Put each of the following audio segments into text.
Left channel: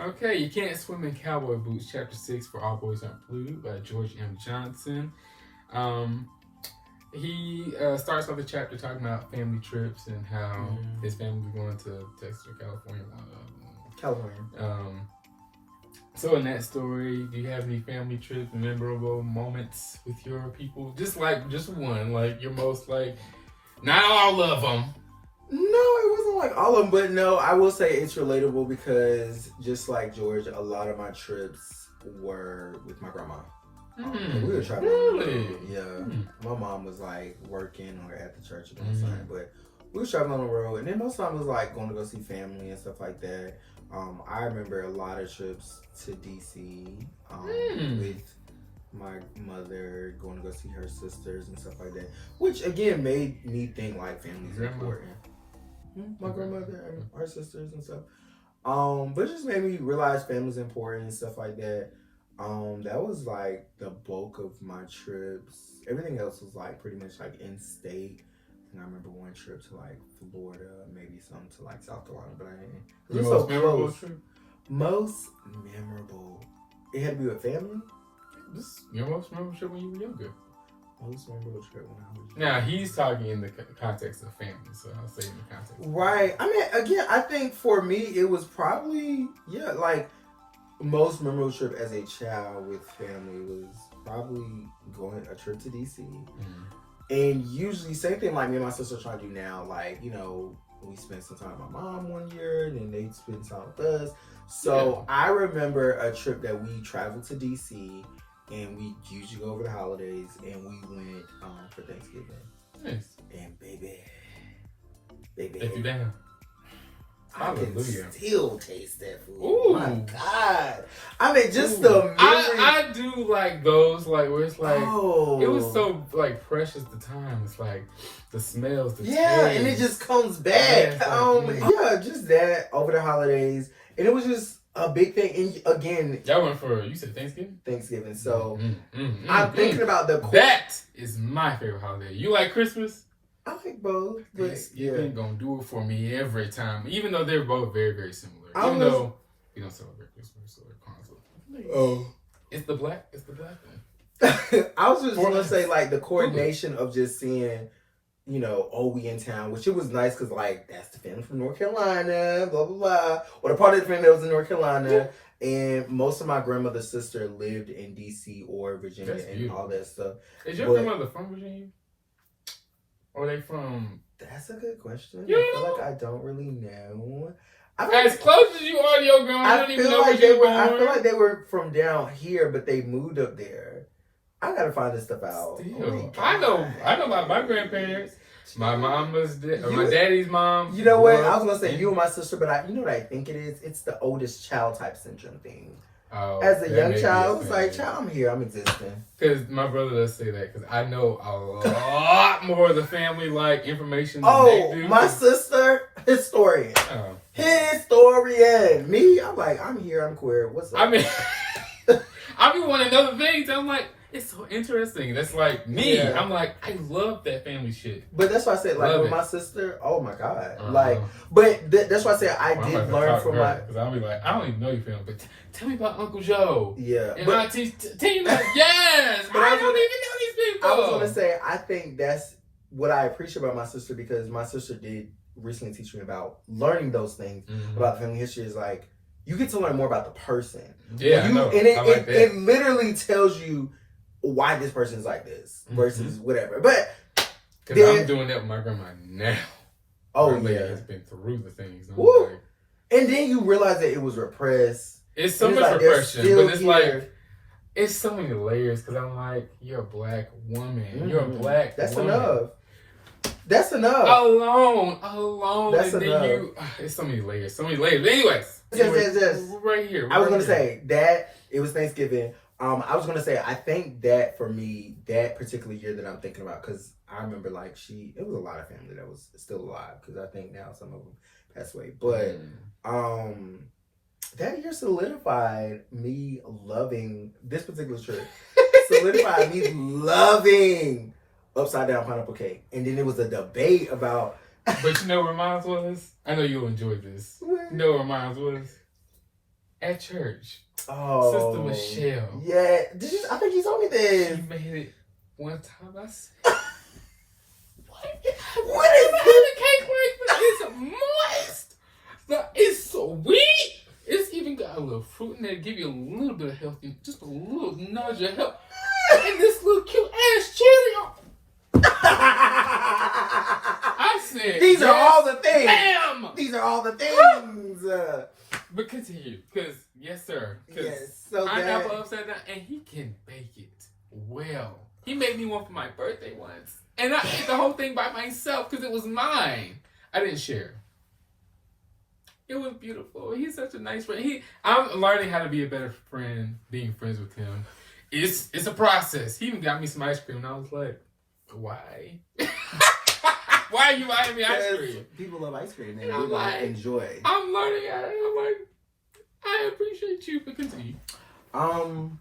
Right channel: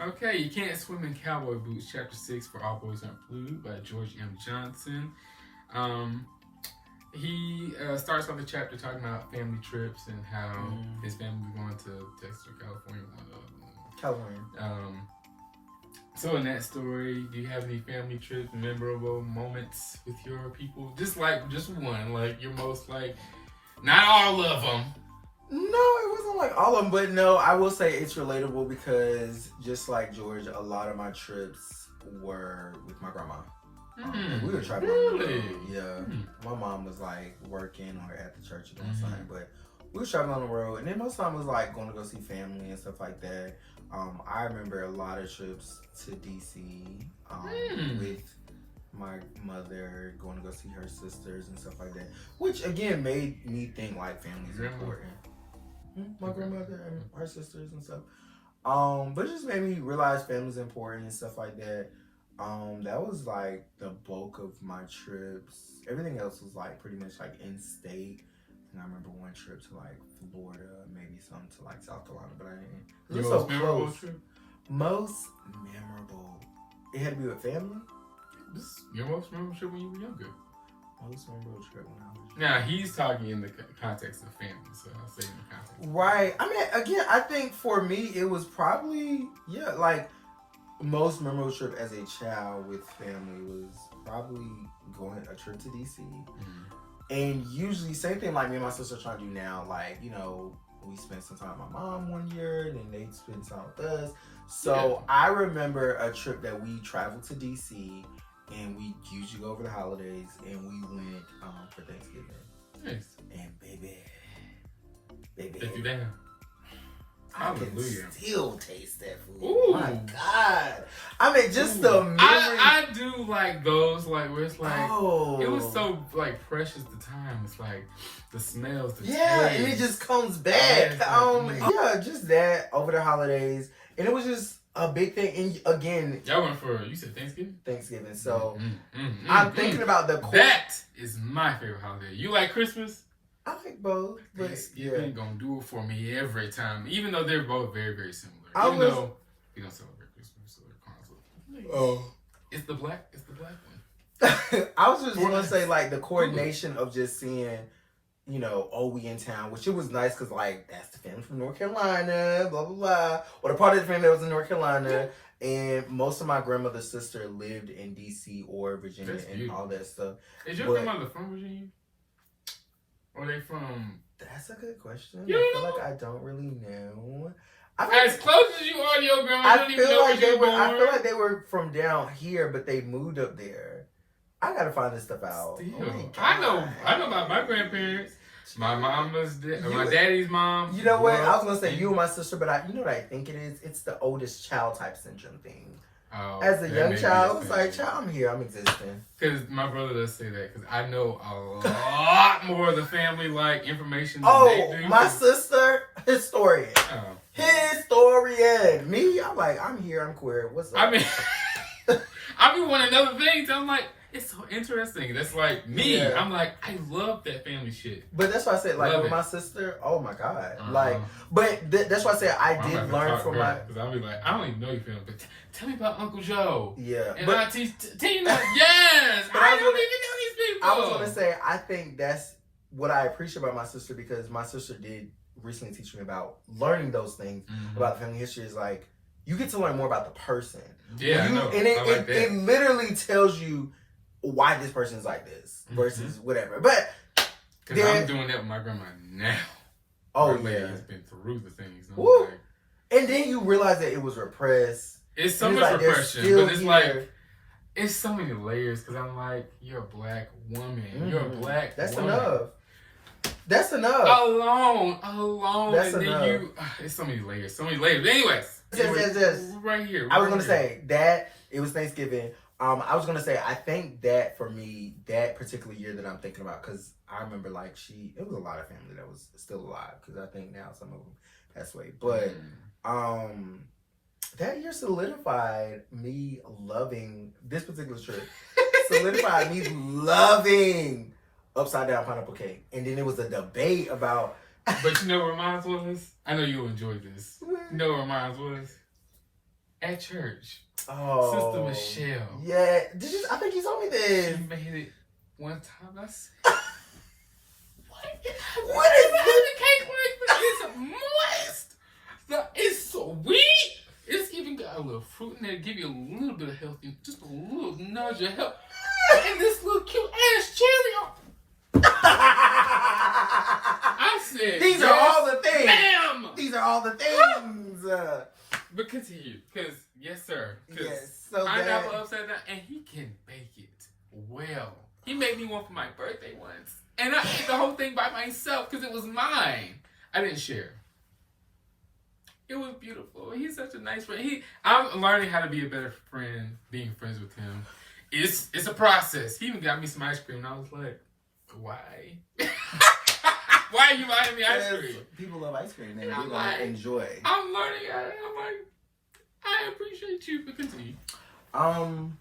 Okay, You Can't Swim in Cowboy Boots, Chapter 6, For All Boys Aren't Blue, by George M. Johnson. He starts off the chapter talking about family trips and how his family was going to Texas or California. California. So in that story, do you have any family trips, memorable moments with your people? Just one, like your most not all of them. No, it wasn't like all of them, but no, I will say it's relatable because just like George, a lot of my trips were with my grandma. We were traveling. Really? Yeah. My mom was like working or at the church doing something, but we were traveling on the road, and then most time was like going to go see family and stuff like that. I remember a lot of trips to DC with my mother, going to go see her sisters and stuff like that, which again made me think like family's important. My grandmother and her sisters and stuff. But it just made me realize family's important and stuff like that. That was like the bulk of my trips. Everything else was like pretty much like in state. And I remember one trip to like Florida, maybe some to like South Carolina, but I didn't. Your most memorable trip? Most memorable. It had to be with family? Your most memorable trip when you were younger? Most memorable trip when I was younger. Now, he's talking in the context of family, so I'll say in the context. Right. I mean, again, I think for me, it was probably, like, most memorable trip as a child with family was probably going a trip to DC. And usually, same thing like me and my sister trying to do now, like, you know, we spent some time with my mom one year, and then they spent time with us. So I remember a trip that we traveled to DC, and we usually go over the holidays, and we went for Thanksgiving. Nice. And baby. Take you down. Hallelujah. I can still taste that food. Ooh. My God. I mean, just the memory. I do like those, like, where it's like, it was so, like, precious the time. It's like, the smells, the taste. And it just comes back. Just that over the holidays. And it was just a big thing. And again, y'all went for, you said Thanksgiving? Thanksgiving. So, I'm thinking about the... That is my favorite holiday. You like Christmas? I like both. Thanksgiving gonna do it for me every time, even though they're both very, very similar. Even though we don't celebrate Christmas or Kwanzaa. It's the black one. I was just gonna say like the coordination of just seeing, you know, we in town, which it was nice because like that's the family from North Carolina, blah blah blah, or the part of the family that was in North Carolina. And most of my grandmother's sister lived in DC or Virginia and all that stuff. Is your grandmother from Virginia? Or are they from? That's a good question. I feel like I don't really know. As close as you are to your grandma, I feel like they were from down here, but they moved up there. I gotta find this stuff out. I know about my grandparents. My mama's my daddy's mom. You know what? I was gonna say you and my sister, but you know what I think it is? It's the oldest child type syndrome thing. Oh, as a young child, it's like, child, I'm here, I'm existing. Because my brother does say that, because I know a lot more of the family like information than they do. My sister, historian. Historian. Me, I'm like, I'm here, I'm queer. What's up? I mean, I be wanting other things. I'm like, it's so interesting. That's like me. Yeah. I'm like, I love that family shit. But that's why I said, like, with my sister, oh my God. Like, but that's why I said I did learn from my... Because I'll be like, I don't even know your family, but tell me about Uncle Joe. Yeah. And Auntie Tina. Yes. But I don't even know these people. I was going to say, I think that's what I appreciate about my sister, because my sister did recently teach me about learning those things about family history. Is like, you get to learn more about the person. Yeah, I know. And it literally tells you why this person's like this versus whatever. But because I'm doing that with my grandma now. Oh, my lady has been through the things. Like, and then you realize that it was repressed. It's so much repression, but it's like, it's so many layers. Because I'm like, you're a black woman. You're a black woman. Enough. That's enough. Alone. That's and enough. Then it's so many layers. But anyways. Yes. Right here. I was going to say that it was Thanksgiving. I was going to say, I think that for me, that particular year that I'm thinking about, because I remember like it was a lot of family that was still alive, because I think now some of them passed away. But that year solidified me loving this particular trip. Solidified me loving upside down pineapple cake. And then there was a debate about... But you know what mine was? I know you'll enjoy this. You know what mine was? at church. Oh, Sister Michelle. Yeah, I think you told me this. She made it one time. I said, What is the cake like? But it's moist. It's sweet. It's even got a little fruit in there. Give you a little bit of healthy, just a little nudge of health, and this little cute ass chili. I said, these are all the things. Bam! These are all the things. But continue, because yes, sir. Yes, so pineapple upside down, and he can bake it well. He made me one for my birthday once, and I ate the whole thing by myself because it was mine. I didn't share. It was beautiful. He's such a nice friend. I'm learning how to be a better friend. Being friends with him, it's a process. He even got me some ice cream, and I was like, why? Why are you buying me ice cream? People love ice cream, and I'm like, enjoy. I'm learning. I'm like, I appreciate you, but continue.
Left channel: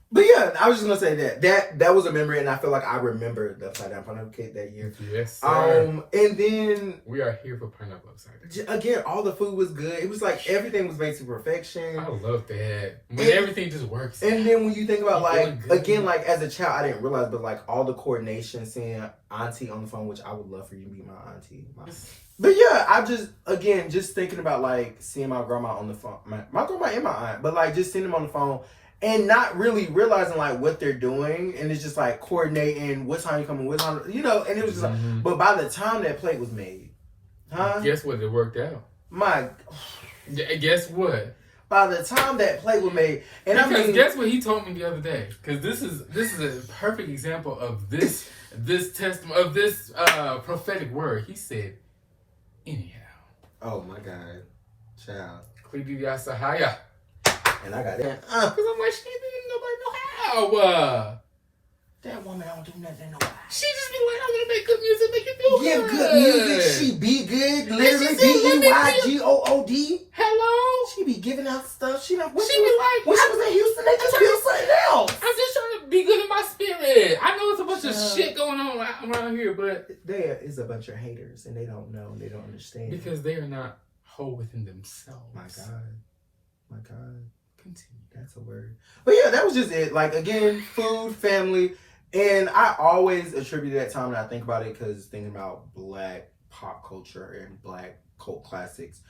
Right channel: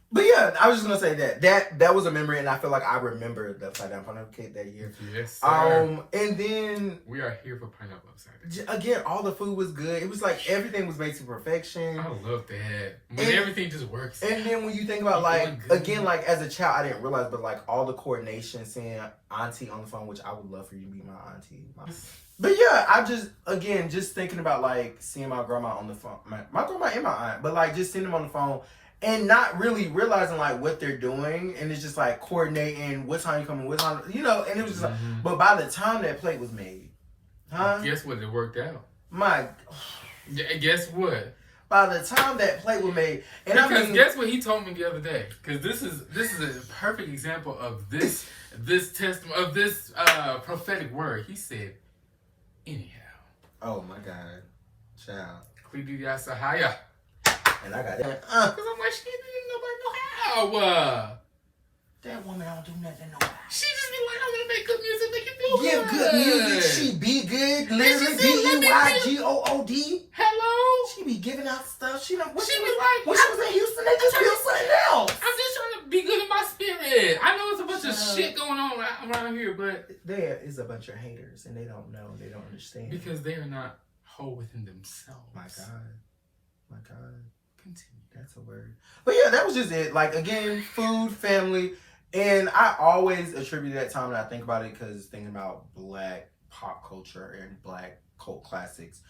But yeah, I was just gonna say that was a memory, and I feel like I remember the upside down pineapple cake that year. Yes, sir. And then we are here for pineapple upside down. Again, all the food was good. It was like everything was made to perfection. I love that when everything just works. And then when you think about again, like as a child, I didn't realize, but like all the coordination, seeing auntie on the phone, which I would love for you to be my auntie. But yeah, I just thinking about like seeing my grandma on the phone, my grandma and my aunt, but like just seeing them on the phone. And not really realizing like what they're doing, and it's just like coordinating what time you coming, what time, and it was just like. But by the time that plate was made, guess what? It worked out. Guess what? By the time that plate was made, and guess what he told me the other day? Because this is a perfect example of this testimony of this prophetic word. He said, anyhow. Oh my God, child. Klidiyasahaya. And I got that. Because I'm like, she didn't nobody know how. That woman don't do nothing to nobody. She just be like, I'm gonna make good music, make it feel good. Give good music. She be good. Literally BEYGOOD. Hello. She be giving out stuff. She be like, when she was in Houston, they just feel something else. I'm just trying to be good in my spirit. I know it's a bunch of shit going on around here, but there is a bunch of haters, and they don't know, and they don't understand because they are not whole within themselves. My God. Continue. That's a word. But yeah, that was just it. Like, again, food, family. And I always attribute that time when I think about it, because thinking about Black pop culture and Black cult classics,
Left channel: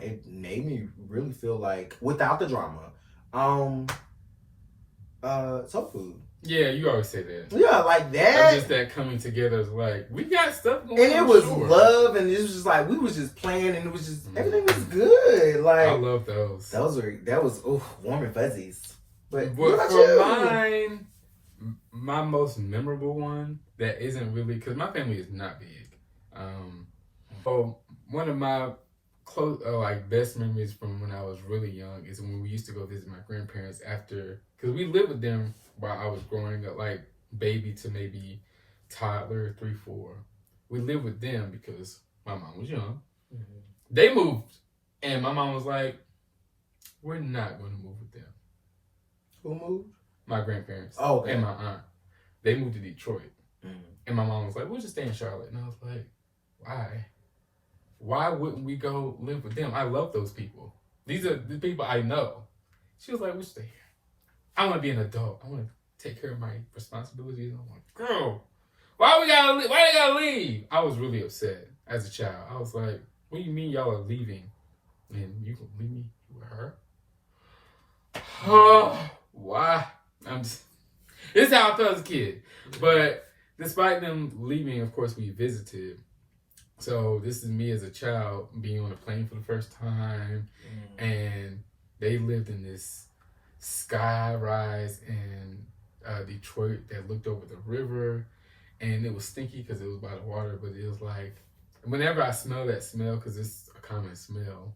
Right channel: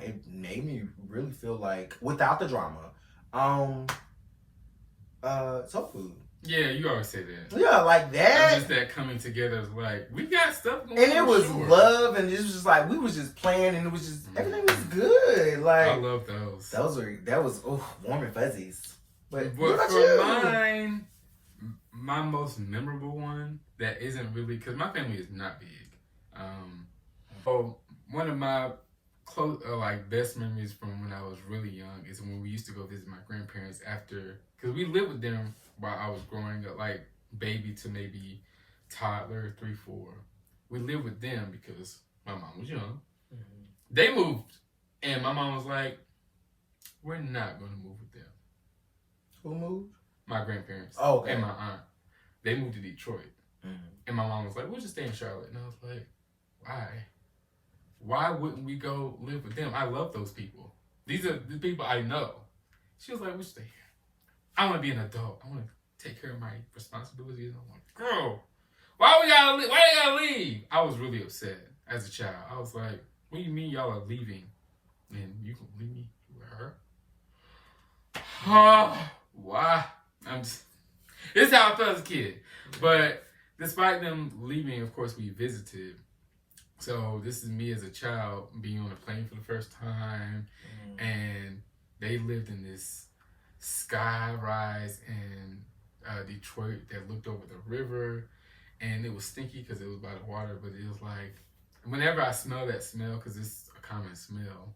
it made me really feel like, without the drama, soul food. Yeah, you always say that. Yeah, like that. Just that coming together is like, we got stuff going on. And it was love, and it was just like, we was just playing, and it was just, everything was good. Like, I love those. That was warm and fuzzies. But for mine, my most memorable one, that isn't really, because my family is not big. But one of my close, best memories from when I was really young is when we used to go visit my grandparents after, because we lived with them while I was growing up, like baby to maybe toddler, 3, 4. We lived with them because my mom was young. Mm-hmm. They moved, and my mom was like, we're not going to move with them. Who moved? My grandparents. Oh, okay. And my aunt. They moved to Detroit. Mm-hmm. And my mom was like, we'll just stay in Charlotte. And I was like, why? Why wouldn't we go live with them? I love those people. These are the people I know. She was like, we'll stay here. I want to be an adult. I want to take care of my responsibilities. I'm like, girl, why they gotta leave? I was really upset as a child. I was like, what do you mean y'all are leaving? And you can leave me with her? Oh, why? This is how I felt as a kid. But despite them leaving, of course, we visited. So this is me as a child being on a plane for the first time. And they lived in this sky rise in Detroit that looked over the river, and it was stinky because it was by the water, but it was like, whenever I smell that smell, because it's a common smell,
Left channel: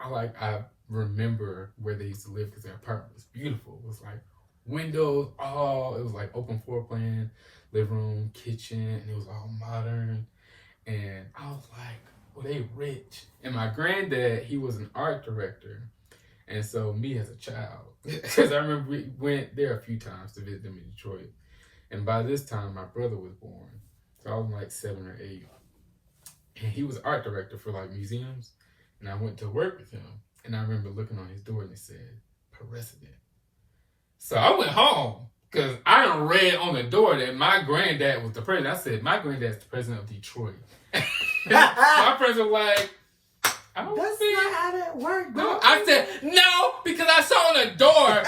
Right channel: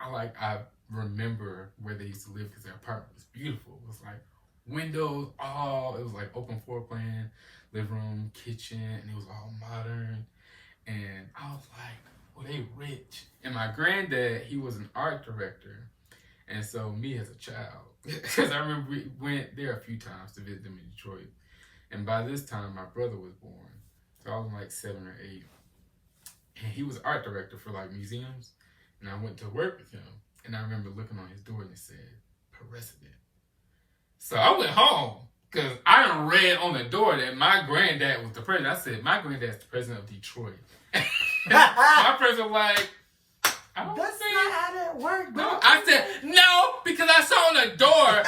I remember where they used to live, because their apartment was beautiful. It was like windows, it was like open floor plan, living room, kitchen, and it was all modern. And I was like, well, they rich. And my granddad, he was an art director. And so me as a child, because I remember we went there a few times to visit them in Detroit. And by this time, my brother was born. So I was like 7 or 8. And he was art director for like museums. And I went to work with him. And I remember looking on his door and it said, President. So I went home because I done read on the door that my granddad was the president. I said, my granddad's the president of Detroit. My president was like, I don't That's think not how that works. no. I said, no, because I saw on the door.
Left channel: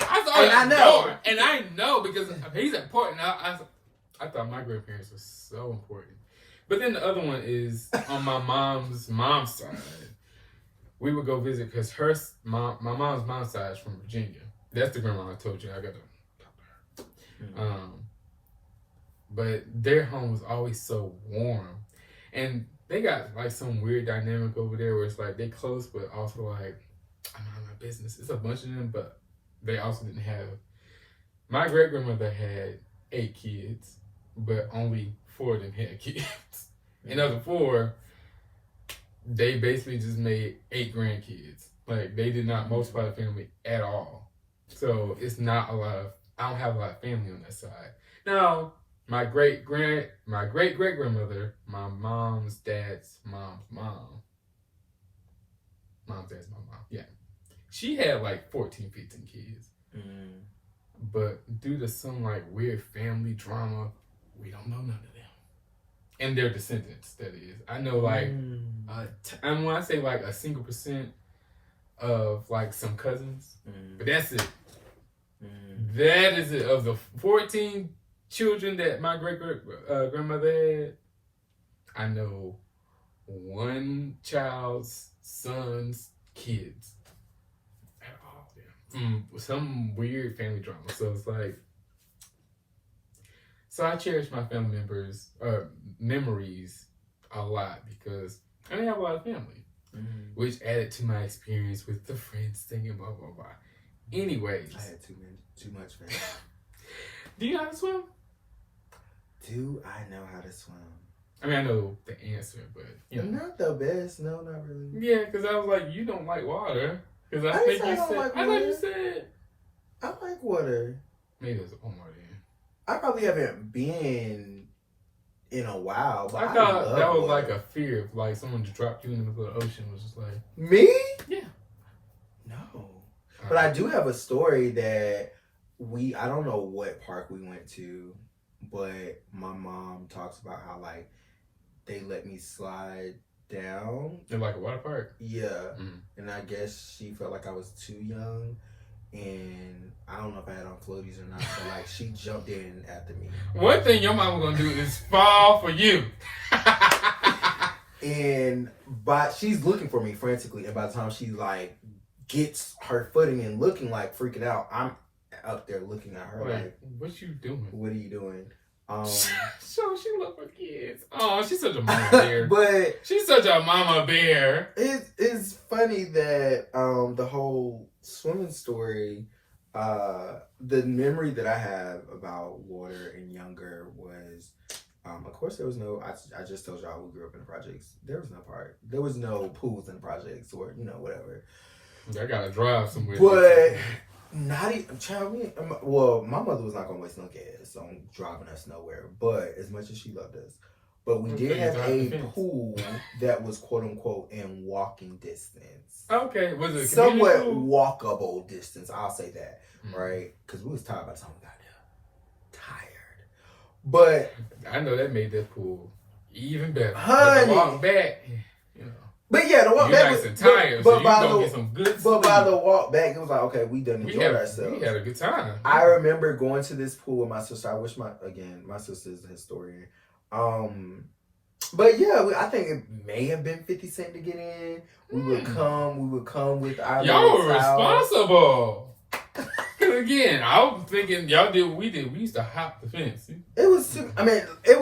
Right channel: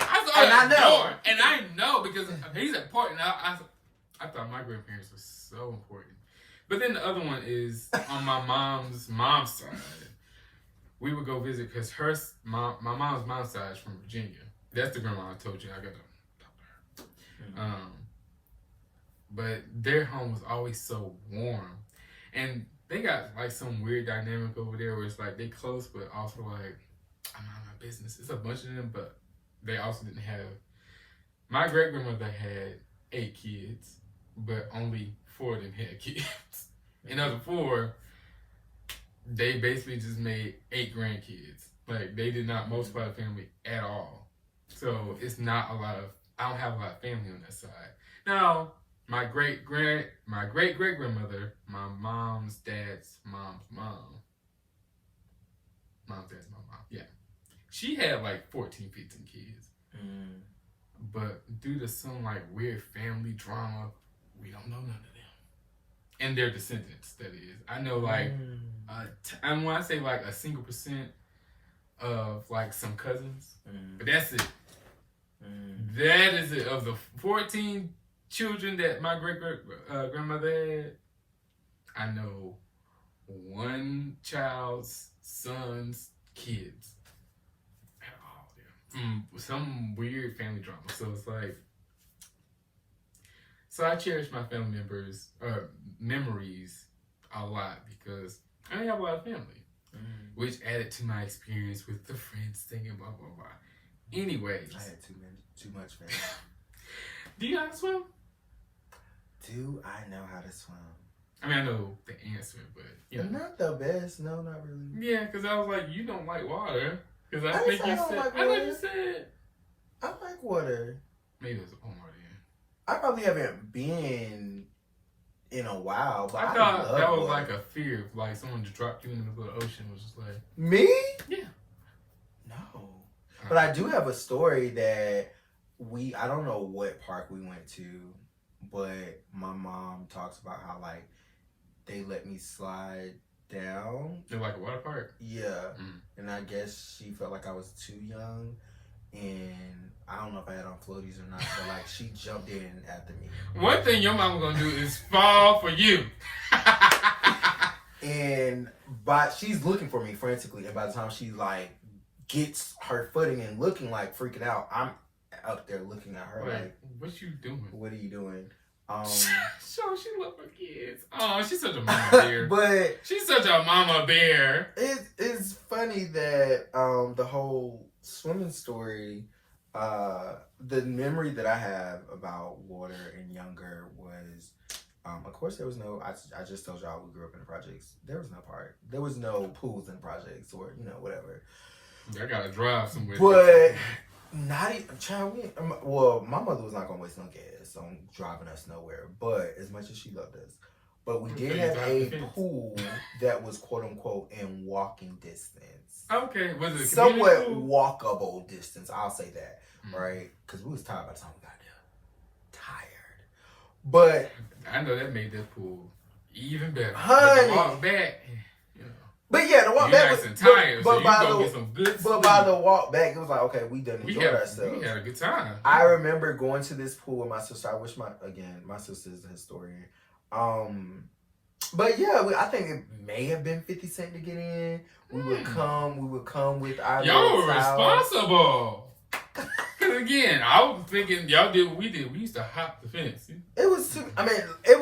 I saw on the door. And I know because he's important. I thought my grandparents were so important. But then the other one is on my mom's side. We would go visit because my mom's mom's side is from Virginia. That's the grandma I told you. I got to talk to her. But their home was always so warm. And they got like some weird dynamic over there where it's like they close, but also like, I'm out of my business. It's a bunch of them, but they also didn't have. My great grandmother had 8 kids, but only 4 of them had kids. And of the 4, they basically just made 8 grandkids. Like they did not multiply the family at all. So it's not a lot of. I don't have a lot of family on that side. Now, my great grandmother, my mom's dad's mom's mom. Mom's dad's mom. Yeah, she had like 14, 15 kids. But due to some like weird family drama, we don't know none of them. And their descendants, that is. I know like, and when I say like a single % of like some cousins, but that's it. That is it. Of the 14 children that my grandmother had, I know one child's son's kids. At all of them. Some weird family drama. So it's like, so I cherish my family memories a lot because I didn't have a lot of family, which added to my experience with the friends singing, blah, blah, blah. Anyways. I had too much family. Do you know how to swim? Do I know how to swim? I mean, I know the answer, but you know. Not the best. No, not really. Yeah, because I was like, you don't like water. Because I think you said. Like I thought you said. I like water. Maybe there's Omar then. I probably haven't been in a while, but I thought that was water. like a fear of like someone just dropped you in the middle of the ocean. Was just like me? Yeah. No. But I do have a story that I don't know what park we went to, but my mom talks about how like they let me slide down. In like a water park? Yeah. And I guess she felt like I was too young. And I don't know if I had on floaties or not, but like she jumped in after me. One thing your mama gonna do is fall for you. But she's looking for me frantically, and by the time she like gets her footing and looking like freaking out, I'm up there looking at her like, what you doing? What are you doing? So she love her kids. Oh, she's such a mama bear. But she's such a mama bear. It's funny that the whole swimming story, the memory that I have about water and younger was, of course there was no. I just told y'all we grew up in the projects. There was no park. There was no pools in the projects or whatever. I gotta drive somewhere. But not even, child, well, my mother was not gonna waste no gas on driving us nowhere. But as much as she loved us, but we did have a pool that was quote unquote in walking distance. Okay, was it a somewhat pool? Walkable distance? I'll say that, right? Because we was tired by the time we got there. Tired, but I know that made that pool even better. Honey, but the walk back, But yeah, the walk back was tired, but so by you get some good but by the walk back, it was like, okay, we done enjoyed ourselves. We had a good time. I remember going to this pool with my sister. I wish my sister's a historian. But yeah, I think it may have been 50 cents to get in. We would come with our y'all were responsible. Cause again, I was thinking y'all did what we did. We used to hop the fence. It was it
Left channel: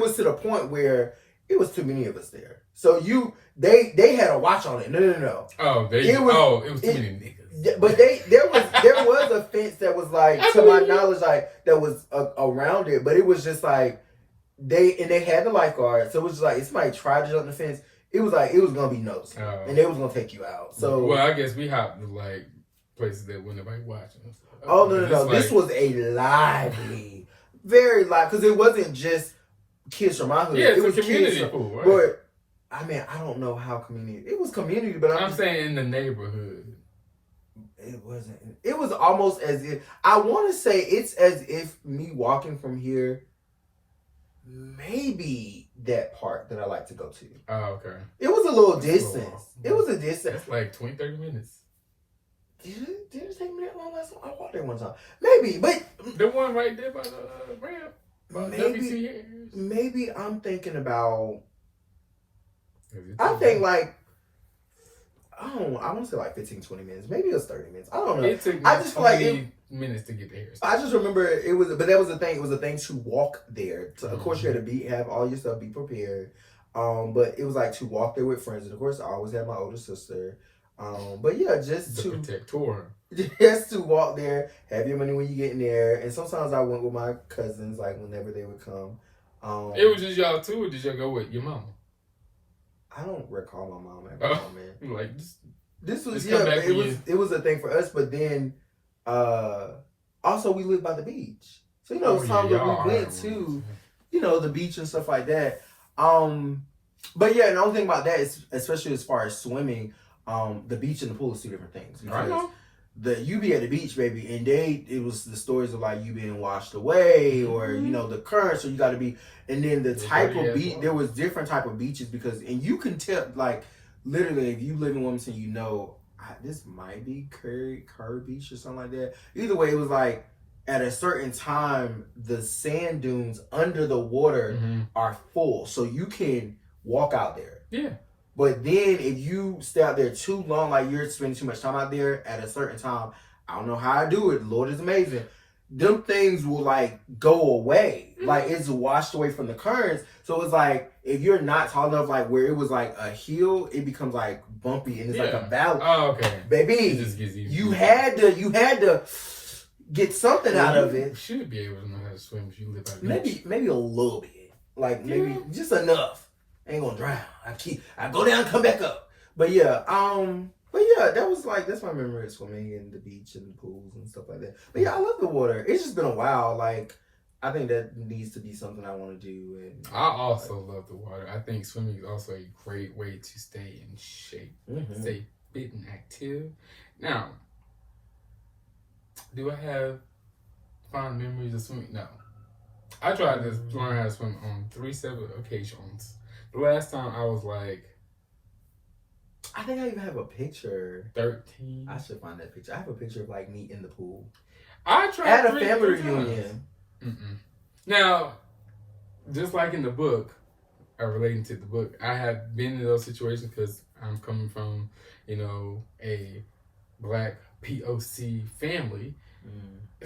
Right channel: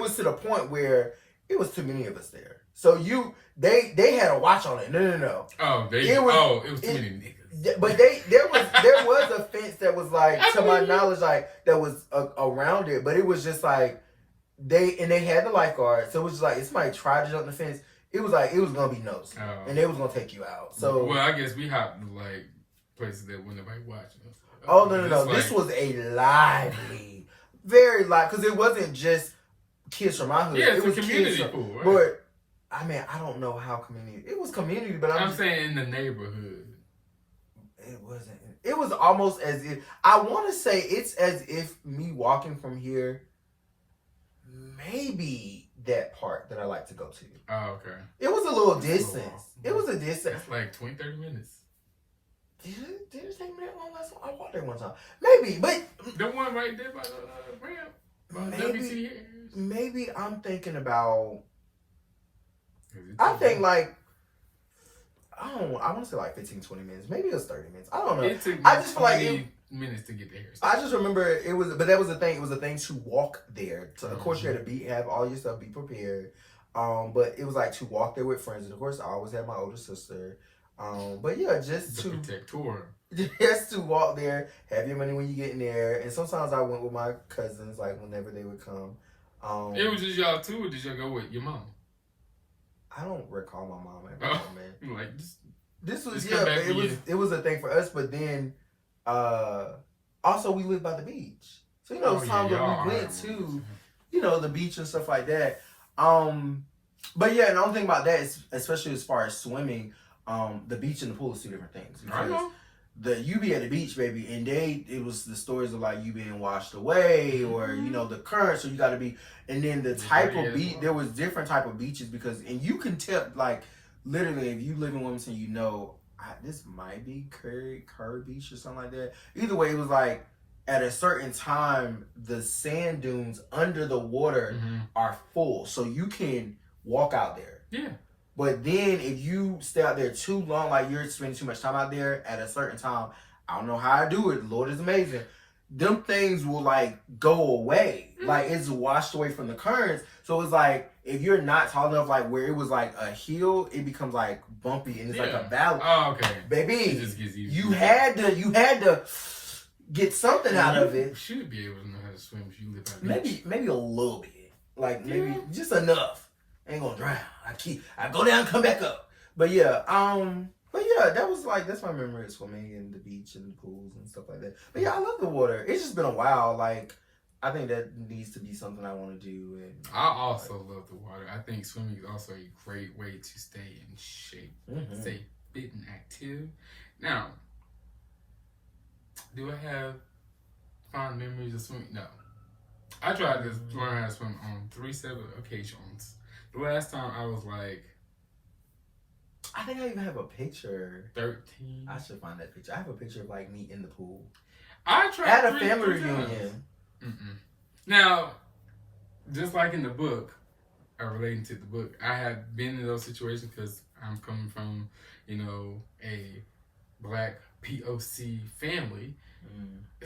was to the point where it was too many of us there. So they had a watch on it. No. Oh, it was too many niggas. But there was a fence that was like, to my knowledge, like that was around it. But it was just like they had the lifeguard, so it was just like if somebody tried to jump the fence, it was like it was gonna be nosy, and they was gonna take you out. So I guess we hopped to like places that wasn't nobody watching. Oh no! This was a lively, very lively, because it wasn't just kids from my hood. Yeah, it was a community kids pool, right? But I mean, I don't know how community. It was community, but I'm saying in the neighborhood. It wasn't. It was almost as if I want to say it's as if me walking from here. Maybe that part that I like to go to. Oh, okay. It was a little distance. It was a distance. It's like 20, 30 minutes. Did it take me that long last time? I walked there one time. Maybe, but the one right there by the ramp. Maybe I'm thinking about. I think like. I want to say like 15, 20 minutes. Maybe it was 30 minutes. I don't know. It took me I just feel like minutes to get there. I just remember it was, but that was the thing. It was a thing to walk there. So of course, you had to have all your stuff, be prepared. But it was like to walk there with friends. And of course, I always had my older sister. But yeah, just to protector. Just to walk there, have your money when you get in there. And sometimes I went with my cousins, like whenever they would come. It was just y'all two, or did y'all go with your mama? I don't recall my mom ever coming. Like this was it was a thing for us, but then also we lived by the beach. So times that we went to, the beach and stuff like that. But yeah, and the only thing about that is, especially as far as swimming, the beach and the pool is two different things. I know. You be at the beach, baby, and it was the stories of like you being washed away or the current, so you got to be, and then the type of beach, there was different type of beaches and you can tell, like literally if you live in Wilmington, this might be Kerr Beach or something like that. Either way, it was like at a certain time the sand dunes under the water are full, so you can walk out there. Yeah. But then if you stay out there too long, like you're spending too much time out there at a certain time, I don't know how I do it. Lord is amazing. Them things will like go away. Like it's washed away from the currents. So it's like if you're not tall enough, like where it was like a hill, it becomes like bumpy and it's like a valley. Oh, okay. Baby, it just gets you had to get something out of it. You should be able to know how to swim if you live by the beach. Maybe a little bit. Like maybe just enough. I ain't gonna drown. I go down and come back up. But yeah, that's my memory of swimming in the beach and the pools and stuff like that. But yeah, I love the water. It's just been a while. Like I think that needs to be something I want to do. And I also love the water. I think swimming is also a great way to stay in shape, stay fit and active. Now, do I have fond memories of swimming? No. I tried to learn how to swim on 3 separate occasions. The last time I was like, I think I even have a picture. 13. I should find that picture. I have a picture of like me in the pool. I tried at a family reunion. Now, just like in the book, or relating to the book, I have been in those situations because I'm coming from, a Black POC family.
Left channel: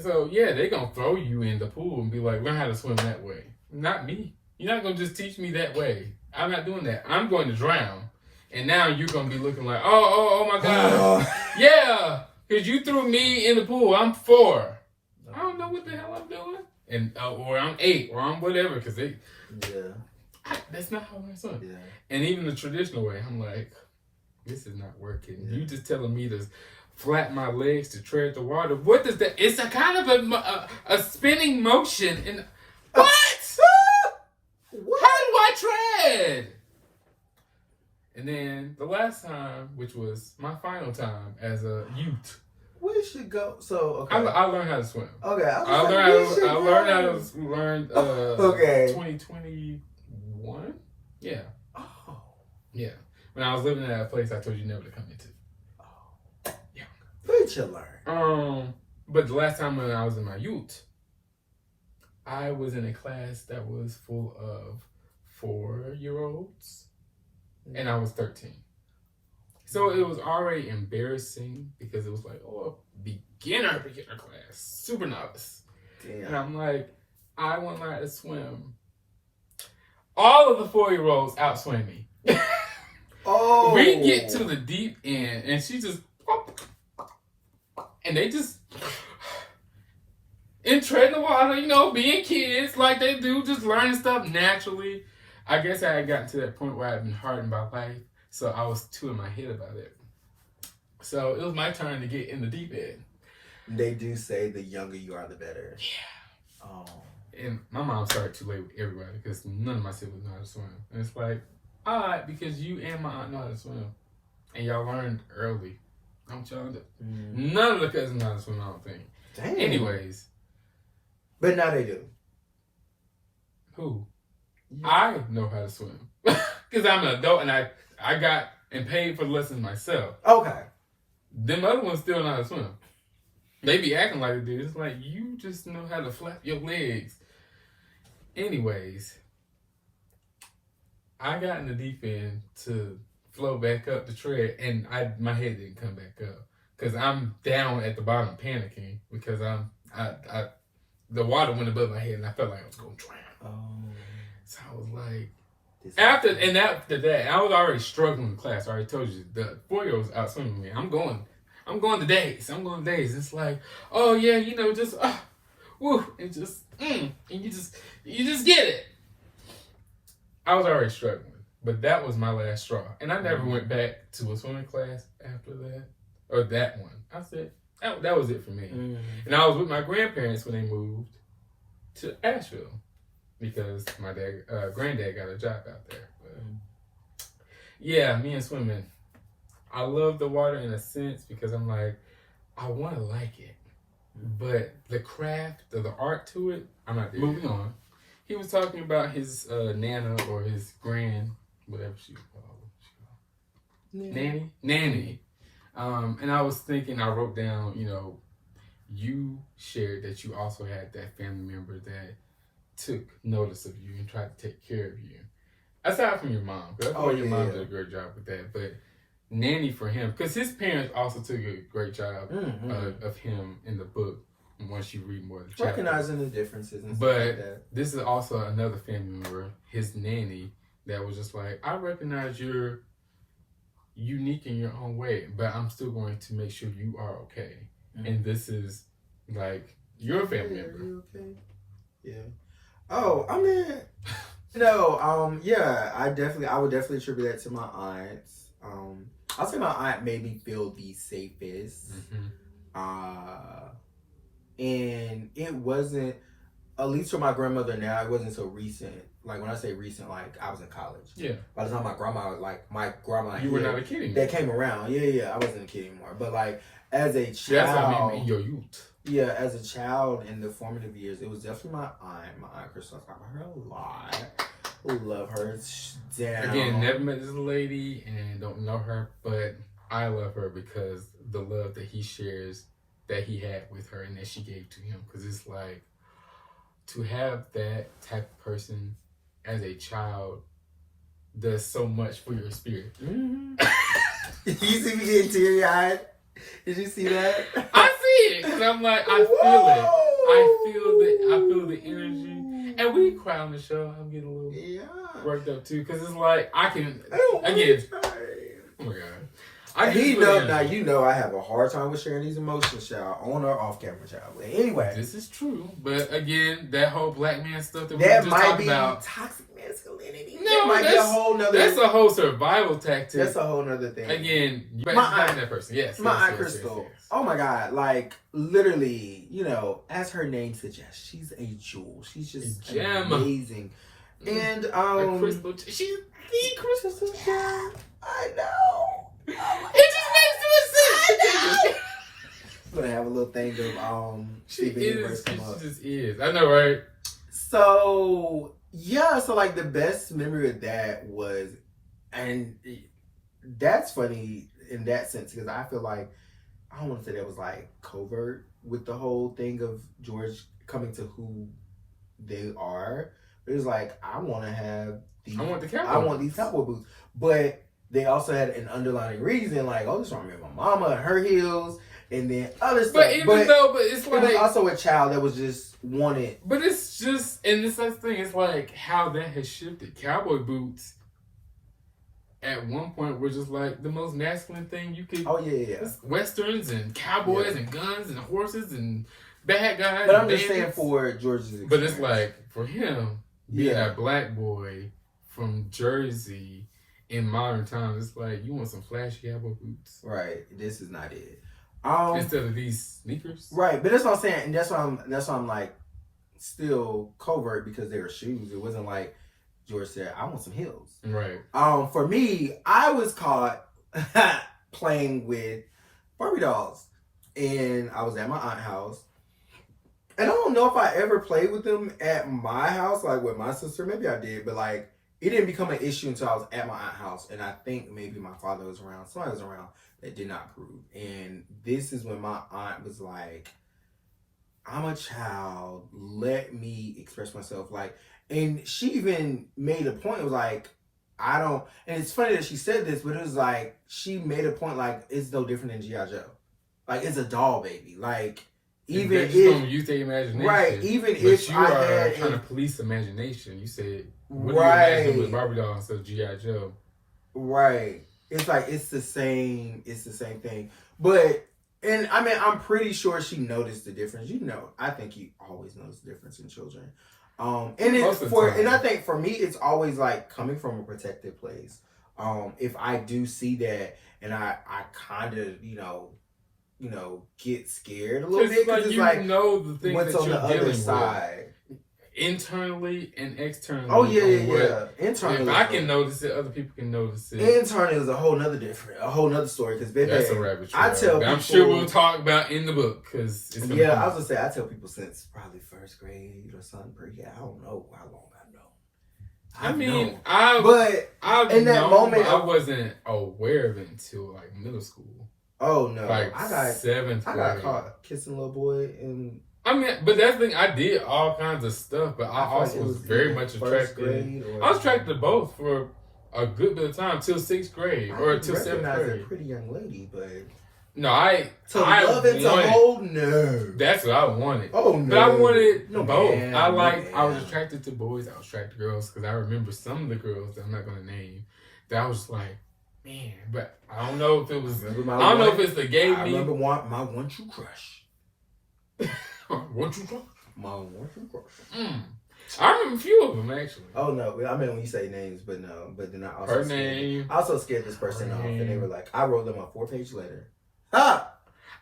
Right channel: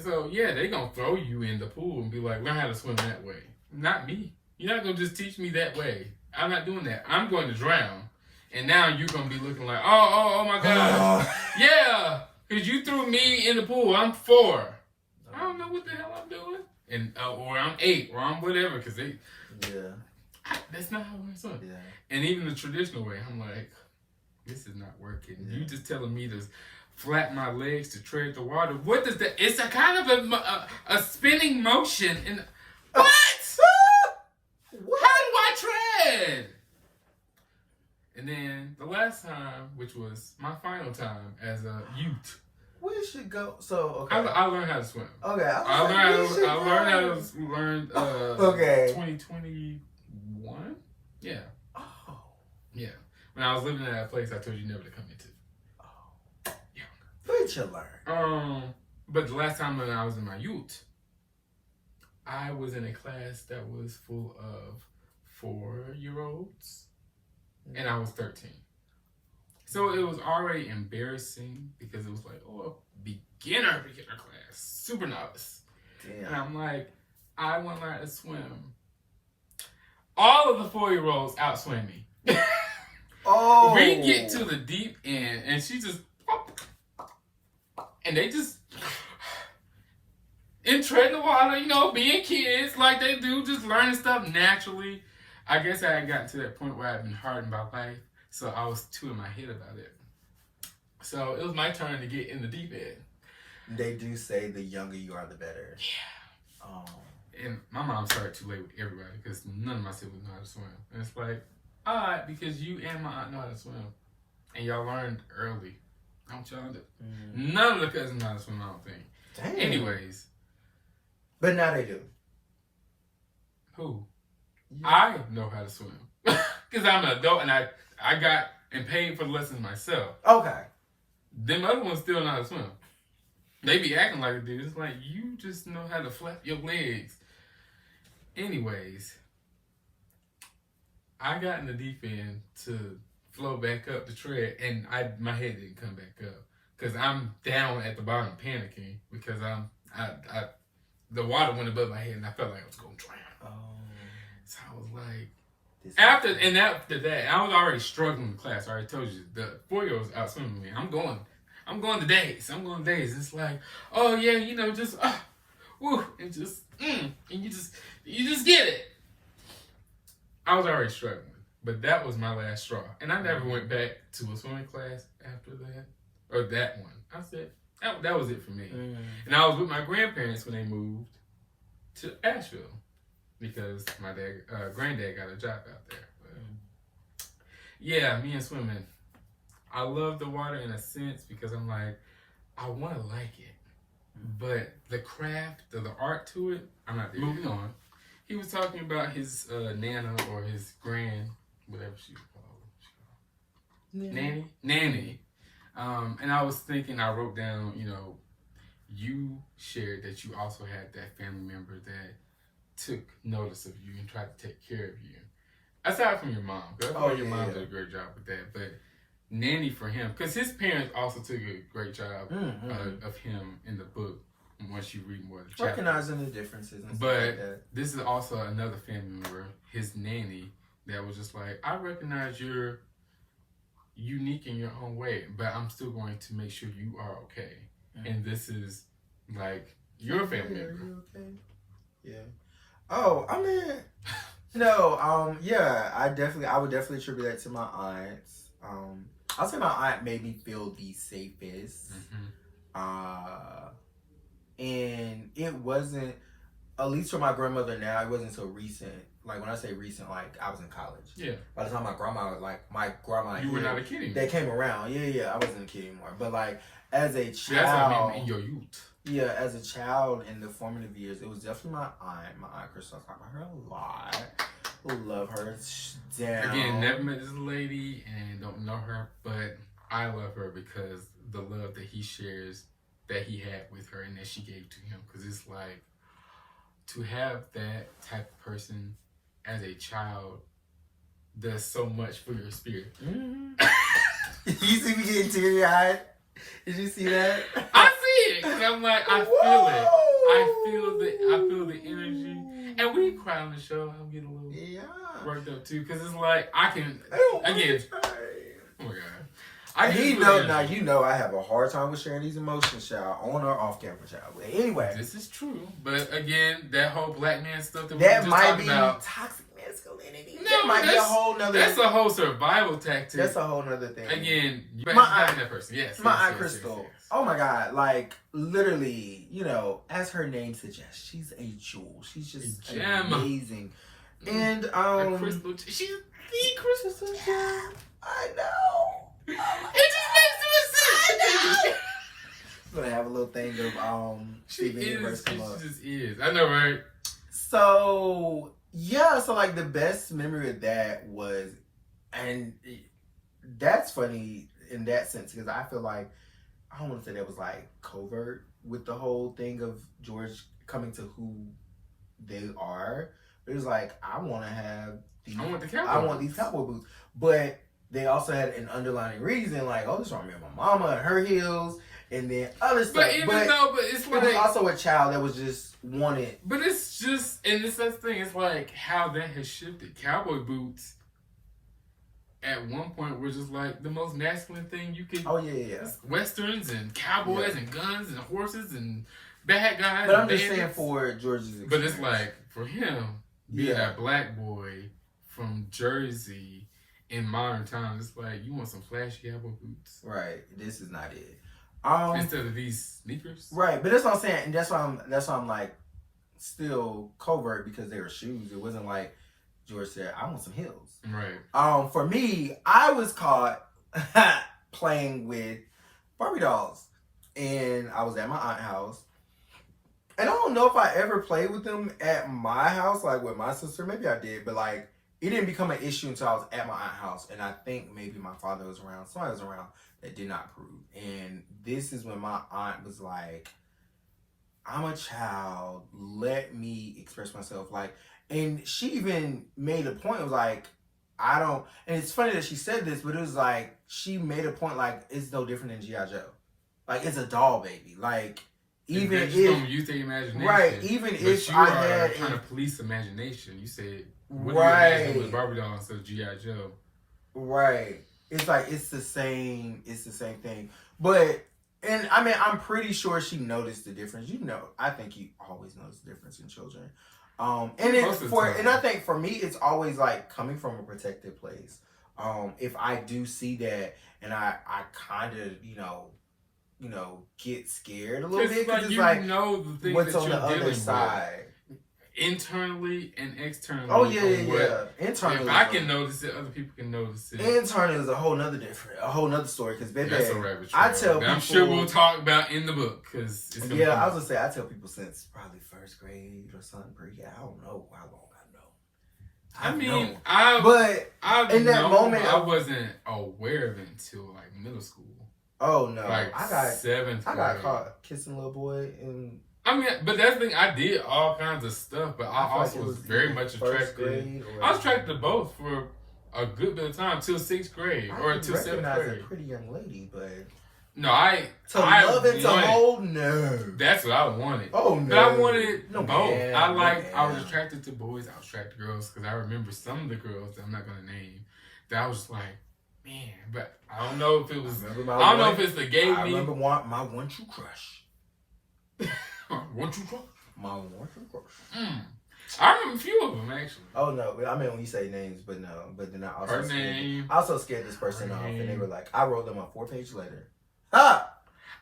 So yeah, they gonna throw you in the pool and be like, learn how to swim that way. Not me. You're not gonna just teach me that way. I'm not doing that. I'm going to drown. And now you're going to be looking like, oh my God. Yeah, because you threw me in the pool. I'm 4. I don't know what the hell I'm doing. And or I'm 8 or I'm whatever. Because that's not how I'm swim. Yeah. And even the traditional way, I'm like, this is not working. Yeah. You just telling me to flat my legs to tread the water. What does that? It's a kind of a spinning motion. And what? What? How do I tread? And then the last time, which was my final time as a youth. We should go. So okay. I learned how to swim. Okay. I learned how to learn. Okay. 2021. Yeah. Oh. Yeah. When I was living in that place, I told you never to come into. Oh. Yeah. Where'd you learn? But the last time when I was in my youth, I was in a class that was full of 4-year-olds, and I was 13. So it was already embarrassing because it was like, a beginner class, super novice. Damn. And I'm like, I want to learn how to swim. All of the 4-year-olds outswim me. Oh. We get to the deep end, and she just, and they just, and treading the water, being kids like they do, just learning stuff naturally. I guess I had gotten to that point where I'd been hardened by life, so I was too in my head about it. So it was my turn to get in the deep end. They do say the younger you are, the better. Yeah. Oh. And my mom started too late with everybody because none of my siblings know how to swim. And it's like, odd because you and my aunt know how to swim. And y'all learned early. Don't y'all? None of the cousins know how to swim, I don't think. Damn. Anyways. But now they do. Who? Yeah. I know how to swim. Because I'm an adult and I got and paid for the lessons myself. Okay. Them other ones still know how to swim. They be acting like it dude. It's like, you just know how to flap your legs. Anyways, I got in the deep end to float back up the tread, and my head didn't come back up because I'm down at the bottom panicking because the water went above my head and I felt like I was gonna drown. Oh. So I was like, after that, I was already struggling in class. I already told you the 4-year-olds out swimming me. I'm going to days. It's like, oh yeah, you know, just woo, and just and you just get it. I was already struggling, but that was my last straw, and I never went back to a swimming class after that, or that one. I said that was it for me. And I was with my grandparents when they moved to Asheville because my granddad got a job out there. But yeah, me and swimming. I love the water in a sense because I'm like, I want to like it, but the craft or the art to it, I'm not there. Moving on. He was talking about his nana or his grand, whatever she was called. Nanny. And I was thinking, I wrote down, you know, you shared that you also had that family member that took notice of you and tried to take care of you. Aside from your mom, because I think your mom did a great job with that, but nanny for him, because his parents also took a great job of him in the book. Once you read more of the chapter, recognizing the differences and stuff but like that. This is also another family member, his nanny, that was just like, I recognize you're unique in your own way, but I'm still going to make sure you are okay. And this is like your family member. You okay? Yeah. Oh, I mean, no. Yeah. I would definitely attribute that to my aunts. I'll say my aunt made me feel the safest. And it wasn't, at least for my grandmother now, it wasn't so recent. Like when I say recent, like I was in college. Yeah. By the time my grandma you were not a kid anymore. That came around. Yeah, I wasn't a kid anymore. But like as a child. That's what I mean in your youth. Yeah, as a child in the formative years, it was definitely my aunt Crystal. I talk about her a lot. Love her down. Again, never met this lady and don't know her, but I love her because the love that he shares, that he had with her and that she gave to him. Because it's like, to have that type of person as a child does so much for your spirit. You see me getting teary-eyed? Did you see that? I see it. Because I'm like, I feel it. I feel the energy. And we cry on the show. I'm getting a little worked up too. Because it's like, I can, again, oh my God. You know I have a hard time with sharing these emotions, child, on or off camera, child. But anyway. This is true. But again, that whole black man stuff that we that just might talked be about. Toxic masculinity. No, that might be a whole nother. That's a whole survival tactic. That's a whole nother thing. Again, my aunt, that person. Yes. My yes, aunt Crystal. Yes. Oh my God. Like, literally, you know, as her name suggests, she's a jewel. She's just amazing. And, crystal. She's the crystal gem. I know. It just makes no sense. I'm gonna have a little thing of Steven Universe come up. She just is. I know, right? So yeah, so like the best memory of that was, and that's funny in that sense because I feel like I don't want to say that was like covert with the whole thing of George coming to who they are. But it was like I want these cowboy boots, but they also had an underlying reason, like, oh, this reminds me of my mama and her heels, and then other stuff. But it's like, it was also a child that was just wanted. But it's just, and this thing is like how that has shifted. Cowboy boots at one point were just like the most masculine thing you could. Oh yeah. Westerns and cowboys and guns and horses and bad guys. But I'm just saying for George's experience. But it's like for him being a black boy from Jersey. In modern times, it's like you want some flashy cowboy boots, right? This is not it. Instead of these sneakers, right? But that's what I'm saying, and that's why I'm like still covert because they were shoes. It wasn't like George said, I want some heels. Right. For me, I was caught playing with Barbie dolls. And I was at my aunt's house. And I don't know if I ever played with them at my house, like with my sister. Maybe I did, but like it didn't become an issue until I was at my aunt's house. And I think maybe my father was around, somebody was around that did not approve. And this is when my aunt was like, I'm a child, let me express myself. Like, and she even made a point, it was like, I don't, and it's funny that she said this, but it was like, she made a point like, it's no different than G.I. Joe. Like, it's a doll baby. Like, even if you use their imagination, right? Even but if you I are had trying to police imagination. You said, what right, do you imagine with Barbie doll instead of G.I. Joe? Right. It's like it's the same thing. But and I mean, I'm pretty sure she noticed the difference. You know, I think you always notice the difference in children. And I think for me, it's always like coming from a protected place. If I do see that, and I kind of get scared a little bit because it's like know the thing what's that on you're the other dealing side. with. Internally and externally. Oh yeah. Internally, if I can notice it, other people can notice it. Internally is a whole nother story. Because baby, that's a rabbit trail. I tell people, I'm sure we'll talk about in the book because it's gonna I was gonna say I tell people since probably first grade or something. I don't know how long in that moment I wasn't aware of it until like middle school. Oh no! Like I got 7th grade. I got caught kissing a little boy and. I mean, but that's the thing. I did all kinds of stuff, but I also was very much attracted. I was attracted to both for a good bit of time till 6th grade or till 7th grade. A pretty young lady, but no, I love and to hold. No, that's what I wanted. Oh no, but I wanted both. Man, I was attracted to boys. I was attracted to girls because I remember some of the girls that I'm not gonna name. That was like, man, but I don't know if it was. I don't know if it's the gay me. I remember my one true crush. What you crush? My one true crush. I remember a few of them actually. Oh no, I mean when you say names, but no, but then I also scared this person off, name. and they were like, I wrote them a 4-page letter. Ha!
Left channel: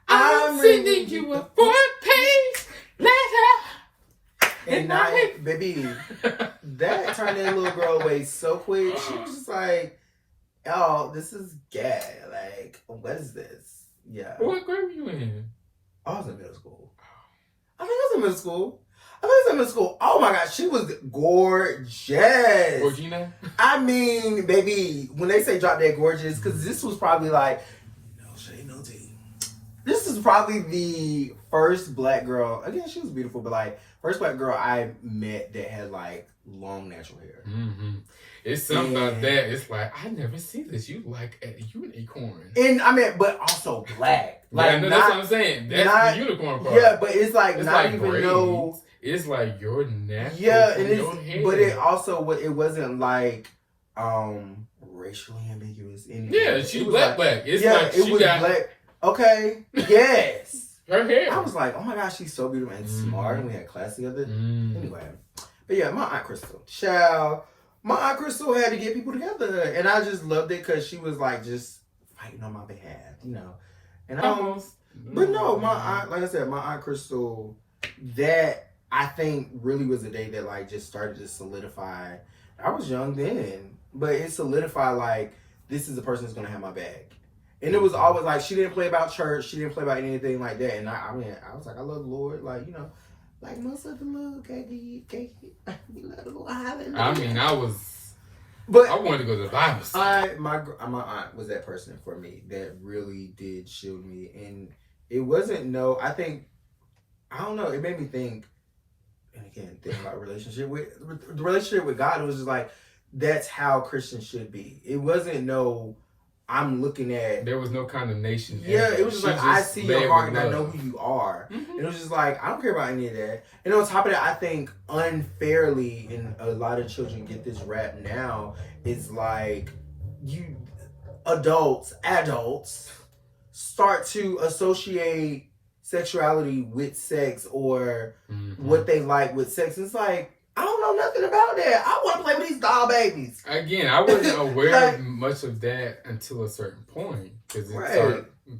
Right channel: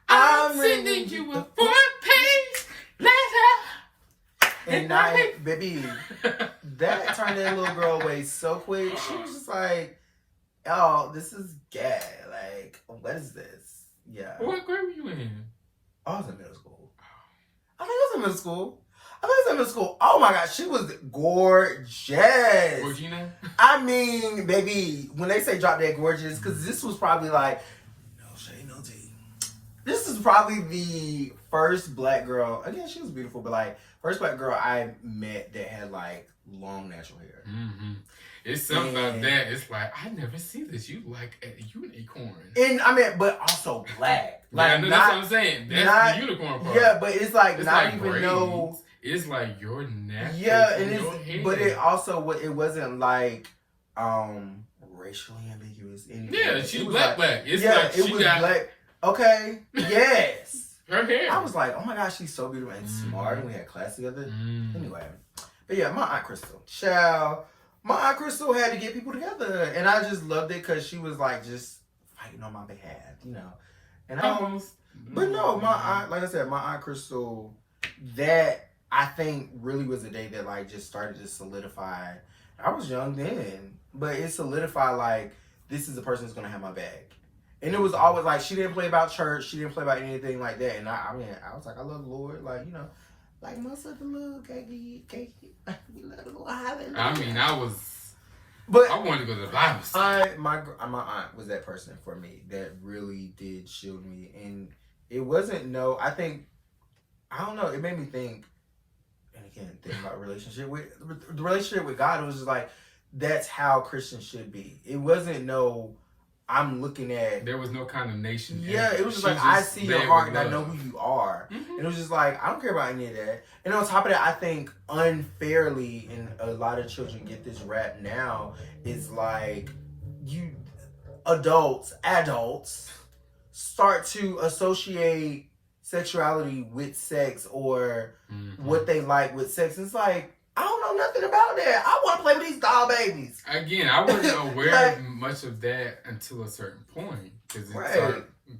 I'm sending you a 4-page letter. And now, baby, that turned that little girl away so quick. She was just like, "Oh, this is gay. Like, what is this?" Yeah. What grade were you in? I was in middle school. I think I was in middle school. Oh my God, she was gorgeous. Georgina? I mean, baby, when they say drop dead gorgeous, because this was probably like, no shade, no tea. This is probably the first black girl. Again, she was beautiful, but like, first black girl I met that had like long natural hair. Mm-hmm. It's something about that. It's like, I never see this. You like a unicorn. And I mean, but also black. Like, yeah, no, that's what I'm saying. That's the unicorn part. Yeah, but it's like it's not like even braids. know. It's like your neck. Yeah, and your hair. But it also it wasn't like racially ambiguous. Anyway. Yeah, she's black. It's like it she was got black. Okay. Yes. Her hair. I was like, oh my gosh, she's so beautiful and smart, and we had class together. Anyway, but yeah, my Aunt Crystal. My Aunt Crystal had to get people together, and I just loved it because she was like just fighting on my behalf, And but no, my aunt, like I said, my Aunt Crystal, that I think really was the day that like just started to solidify. I was young then, but it solidified like this is the person that's gonna have my back. And it was always like she didn't play about church, she didn't play about anything like that. And I mean, I was like, I love the Lord, like like most of the little cakey, we love the Lord. Hallelujah. I mean, I wanted to go to the Bible. My aunt was that person for me that really did shield me, and it wasn't I don't know. It made me think, and again, think about the relationship with God. It was just like that's how Christians should be. It wasn't I'm looking at. There was no condemnation. Yeah, it was just like I see your heart and I know who you are. Mm-hmm. And it was just like I don't care about any of that. And on top of that, I think unfairly, and a lot of children get this rap now, is like you adults start to associate sexuality with sex or what they like with sex. It's like I don't know nothing about that. I want to play with these doll babies. Again, I wasn't aware of much of that until a certain point. Because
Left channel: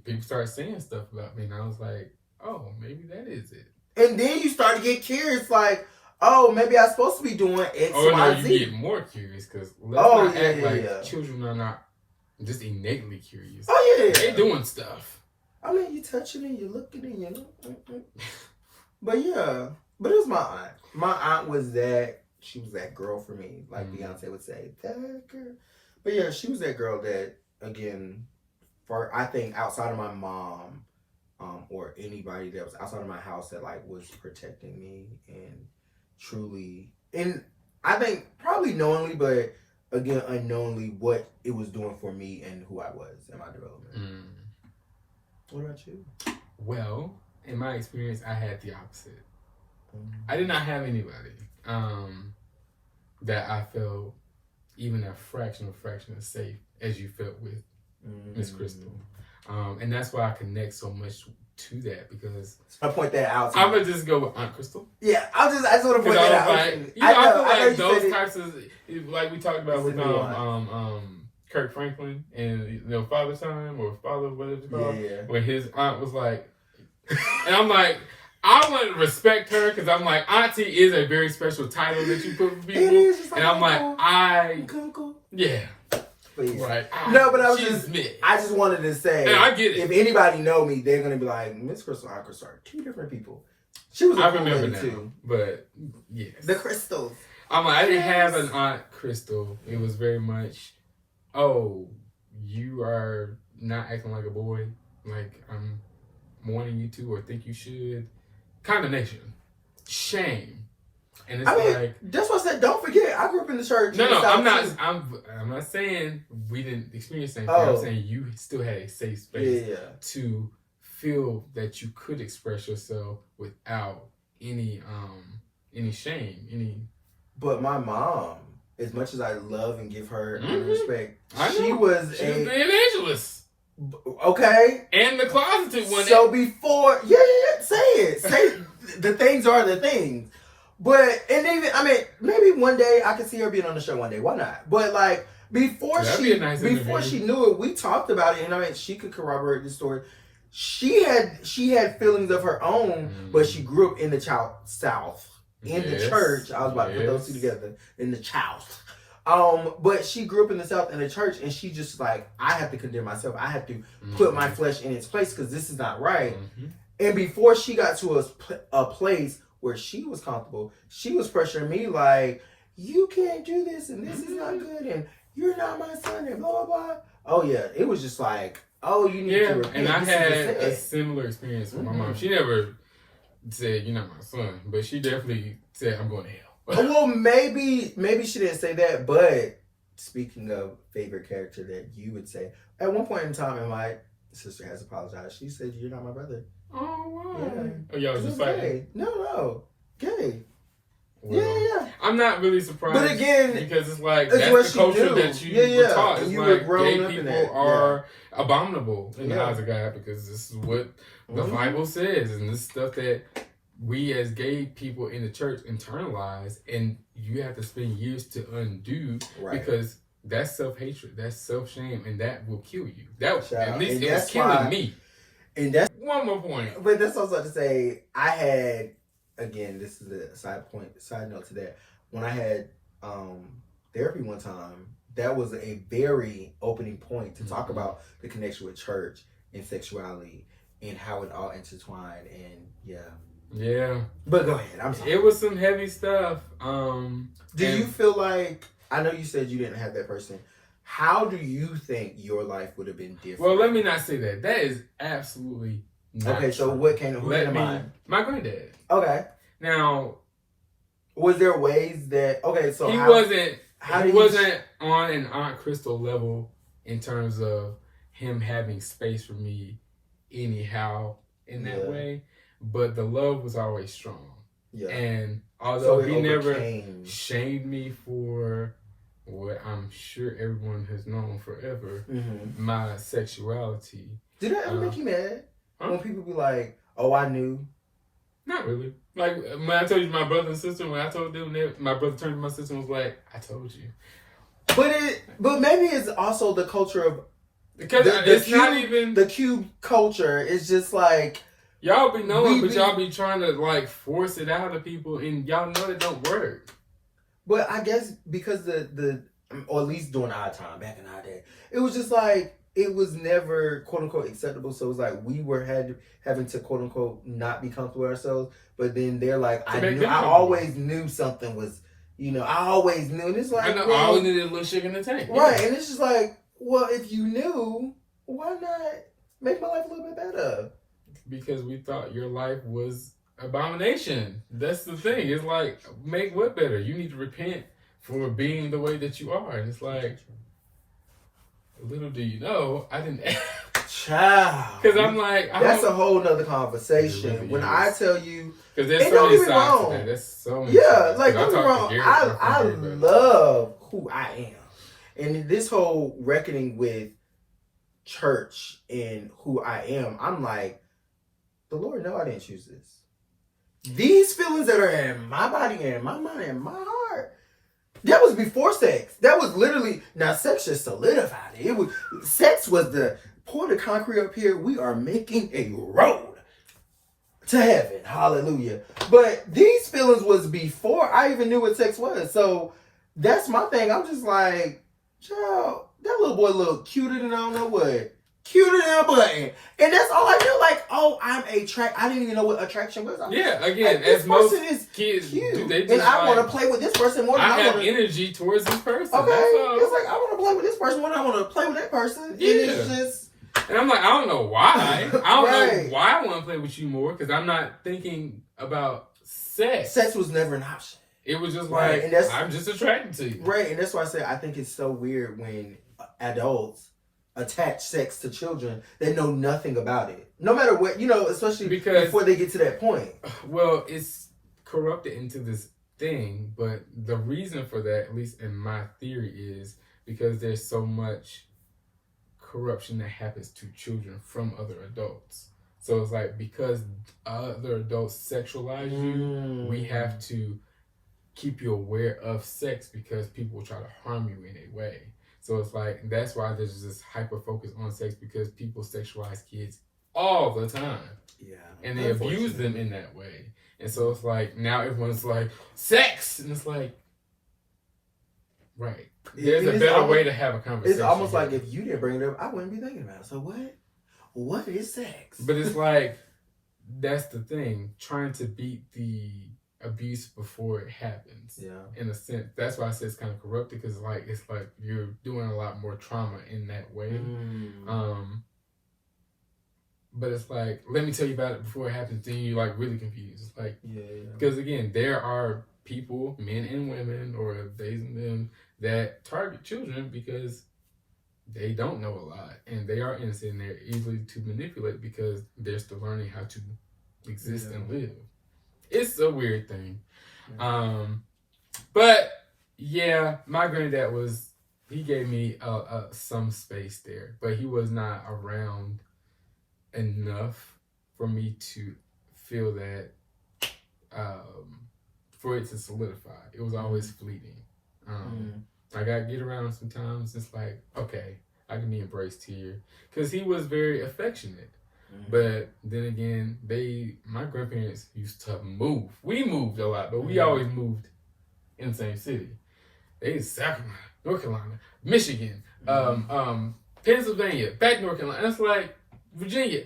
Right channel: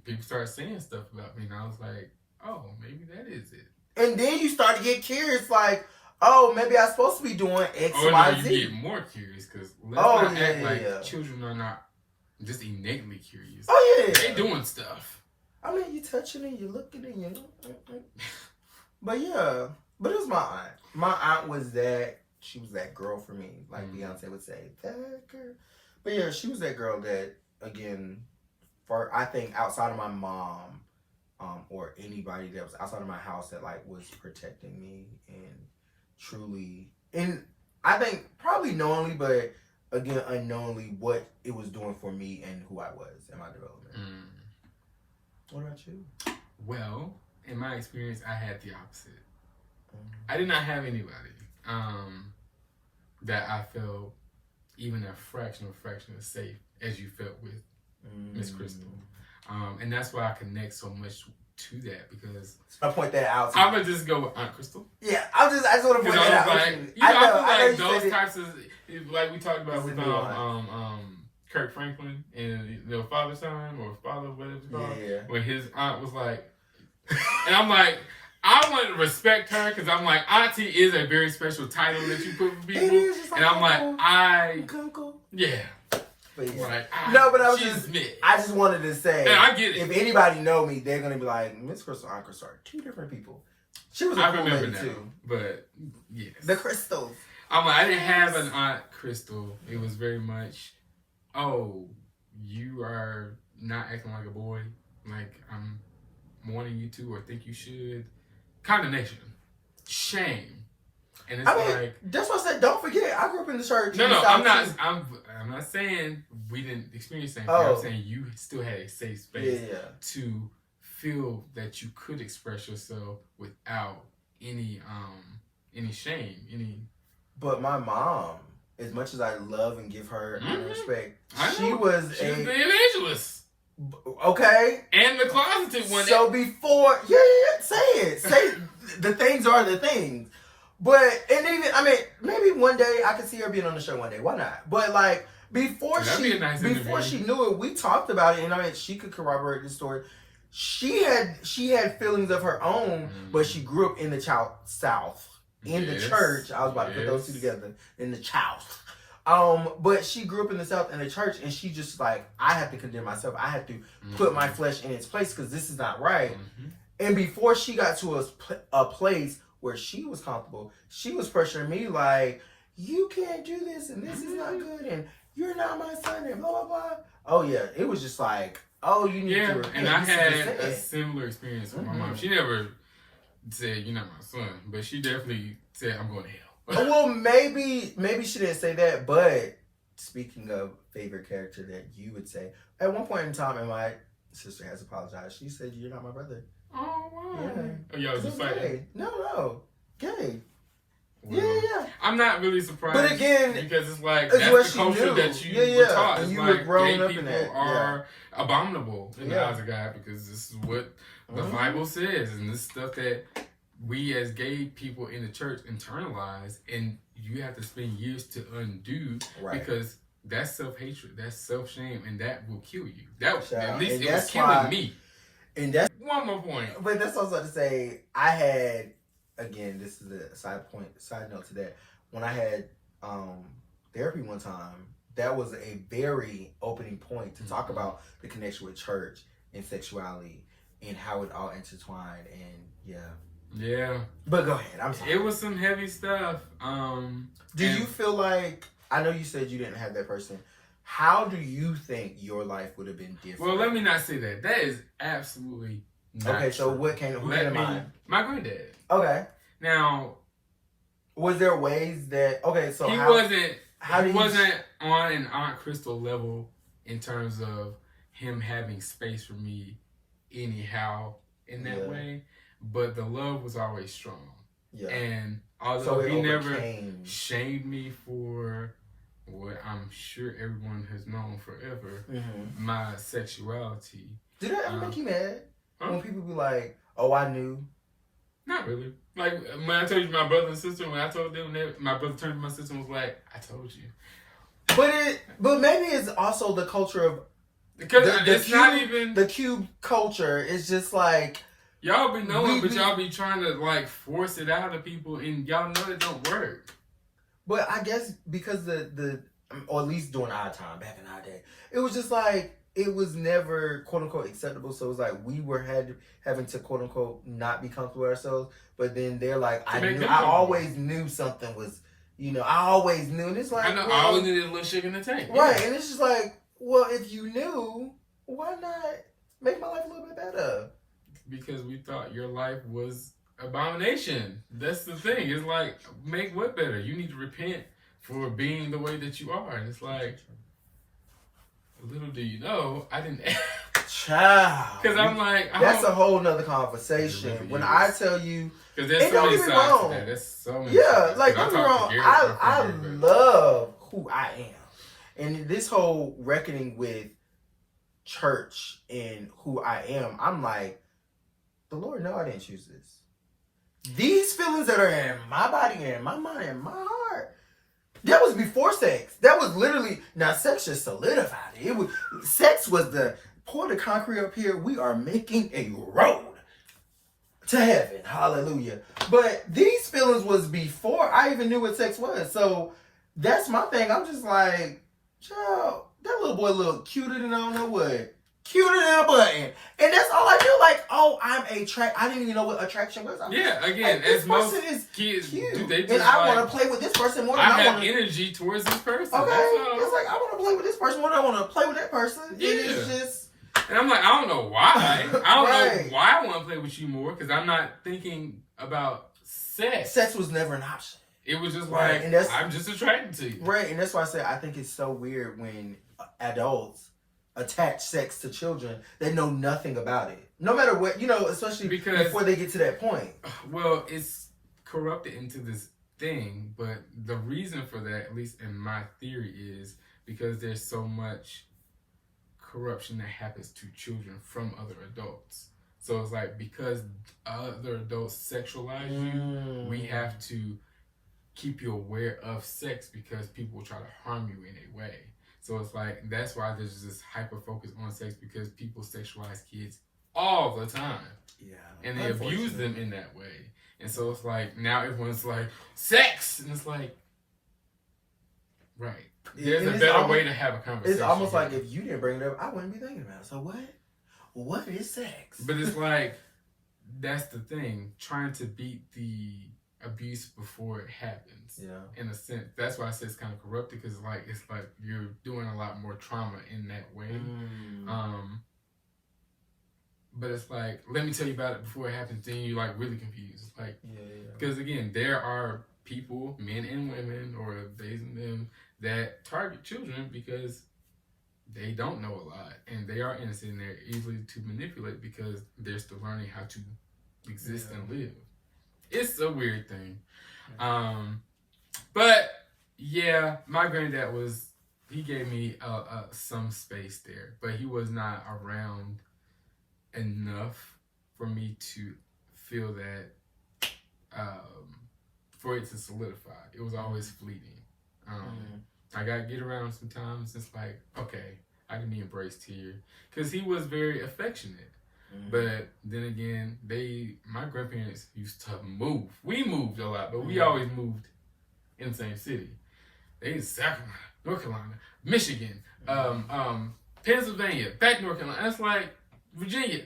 people started saying stuff about me, and I was like, oh, maybe that is it. And then you start to get curious, like, oh, maybe I'm supposed to be doing X, Oh, no, Y, you Z. get more curious because let's not act like children are not just innately curious. Oh, yeah. They doing stuff. I mean, you touching it, you looking it, you know. But yeah, but it was my aunt. My aunt was that, she was that girl for me, like Beyonce would say, that girl. But yeah, she was that girl that, again, for I think outside of my mom, or anybody that was outside of my house that like was protecting me and truly, and I think probably knowingly, but again unknowingly, what it was doing for me and who I was in my development. What about you? Well, in my experience, I had the opposite. I did not have anybody that I felt even a fraction of safe as you felt with Miss Crystal. And that's why I connect so much to that, because I point that out. I'm gonna just go with Aunt Crystal. Yeah, I just want to point that out. Like, I feel like those types of, like we talked about with Kirk Franklin and Father Son or Father whatever it's called. Yeah. When his aunt was like, and I'm like, I want to respect her because I'm like, Auntie is a very special title that you put for people. It is, and I'm like, yeah. But yeah. Right. No, but I just wanted to say, and I get it. If anybody know me, they're gonna be like, Miss Crystal and Aunt Crystal are two different people. She was a cool lady too. But yes. The Crystals. I'm like, I didn't have an Aunt Crystal. It was very much, oh, you are not acting like a boy, like I'm wanting you to or think you should. Condemnation. Shame. And it's like, that's what I said. Don't forget, I grew up in the church. No, I'm not saying we didn't experience the same thing. I'm saying you still had a safe space to feel that you could express yourself without any shame, But my mom, as much as I love and give her respect, she was the evangelist. Okay. And the closeted one. So before, say it. Say the things are the things. But, and even, I mean, maybe one day I could see her being on the show one day. Why not? But like, before she knew it, we talked about it. And I mean, she could corroborate the story. She had feelings of her own, but she grew up in the South. In the church. I was about to put those two together. In the South. But she grew up in the South in the church, and she just like, I have to condemn myself. I have to put my flesh in its place because this is not right. And before she got to a place where she was comfortable, she was pressuring me like, you can't do this, and this is not good, and you're not my son, and blah, blah, blah. Oh, yeah. It was just like, oh, you need to repent. And I had a similar experience with my mom. She never said, you're not my son, but she definitely said, I'm going to hell. Well, maybe she didn't say that, but speaking of favorite character that you would say, at one point in time, and my sister has apologized, she said, you're not my brother. Oh, wow. Yeah. Oh, y'all was just fighting? Gay. No. Gay. Well, yeah. I'm not really surprised. But again, because it's like, that's the culture that you were taught. It's you like, were gay up people in that. are abominable in the eyes of God because this is what the Bible says, and this stuff that we as gay people in the church internalize, and you have to spend years to undo because that's self-hatred, that's self-shame, and that will kill you. At least it was killing me. And that's one more point. But that's also to say, I had, again, this is a side note to that. When I had therapy one time, that was a very opening point to talk about the connection with church and sexuality and how it all intertwined. And yeah. But go ahead. I'm sorry. It was some heavy stuff. Do you feel like, I know you said you didn't have that person. How do you think your life would have been different? Well, let me not say that. That is absolutely not okay, so true. What came to mind? My granddad. Okay. Now, was there ways that, okay, so he wasn't on an Aunt Crystal level in terms of him having space for me anyhow in that way, but the love was always strong. Yeah. And although he never shamed me for what I'm sure everyone has known forever, my sexuality. Did that ever make you mad? When people be like, oh, I knew? Not really. Like, when I told you my brother and sister, when I told them that, my brother turned to my sister and was like, I told you. But maybe it's also the culture of, because it's not even the Cube culture is just like, Y'all be knowing, but y'all be trying to like force it out of people, and y'all know that don't work. But I guess because or at least during our time, back in our day, it was just like, it was never quote unquote acceptable. So it was like we were having to quote unquote not be comfortable with ourselves. But then they're like, I always knew something was, I always knew. And it's like, I always needed a little shit in the tank. Right. And it's just like, well, if you knew, why not make my life a little bit better? Because we thought your life was abomination. That's the thing. It's like, make what better? You need to repent for being the way that you are. And it's like, little do you know, I didn't. Child. Because I'm like, that's a whole nother conversation. Really when I tell you, because there's so many sides to that. That's so many. Yeah, like don't get me wrong. I love who I am, and this whole reckoning with church and who I am. I'm like, the Lord know I didn't choose this. These feelings that are in my body and my mind and my heart, that was before sex. That was literally, now sex just solidified it. Sex was the pour the concrete up here. We are making a road to heaven. Hallelujah. But these feelings was before I even knew what sex was. So that's my thing. I'm just like, child, that little boy look cuter than I don't know what. Cuter than a button. And that's all I knew. Like, oh, I'm attracted. I didn't even know what attraction was. Yeah, again, like, as most is kids cute. do, they just and I want to play with this person more than I have energy towards this person. Okay. It's like, I want to play with this person more than I want to play with that person. Yeah. And it's just... And I'm like, I don't know why. I don't Right. know why I want to play with you more, because I'm not thinking about sex. Sex was never an option. It was just Right. like, And that's, I'm just attracted to you. Right, and that's why I say I think it's so weird when adults attach sex to children that know nothing about it. No matter what, especially because, before they get to that point. Well, it's corrupted into this thing, but the reason for that, at least in my theory, is because there's so much corruption that happens to children from other adults. So it's like, because other adults sexualize you, we have to keep you aware of sex because people will try to harm you in a way. So it's like, that's why there's this hyper focus on sex, because people sexualize kids all the time. Yeah. And they abuse them in that way. And so it's like, now everyone's like, sex! And it's like, right. There's a better way to have a conversation. It's almost like, if you didn't bring it up, I wouldn't be thinking about it. So what? What is sex? But it's like, that's the thing. Trying to beat the abuse before it happens. Yeah. In a sense. That's why I say it's kind of corrupted, because it's like you're doing a lot more trauma in that way. But it's like, let me tell you about it before it happens, then you're like really confused. It's like, because again, there are people, men and women, or they and them, that target children because they don't know a lot and they are innocent and they're easily to manipulate because they're still learning how to exist and live. It's a weird thing. But yeah, my granddad he gave me some space there, but he was not around enough for me to feel that for it to solidify. It was always fleeting. I gotta get around sometimes. It's like, okay, I can be embraced here, because he was very affectionate. But then again, my grandparents used to move. We moved a lot, but we always moved in the same city. They in South Carolina, North Carolina, Michigan, Pennsylvania, back North Carolina. That's like Virginia.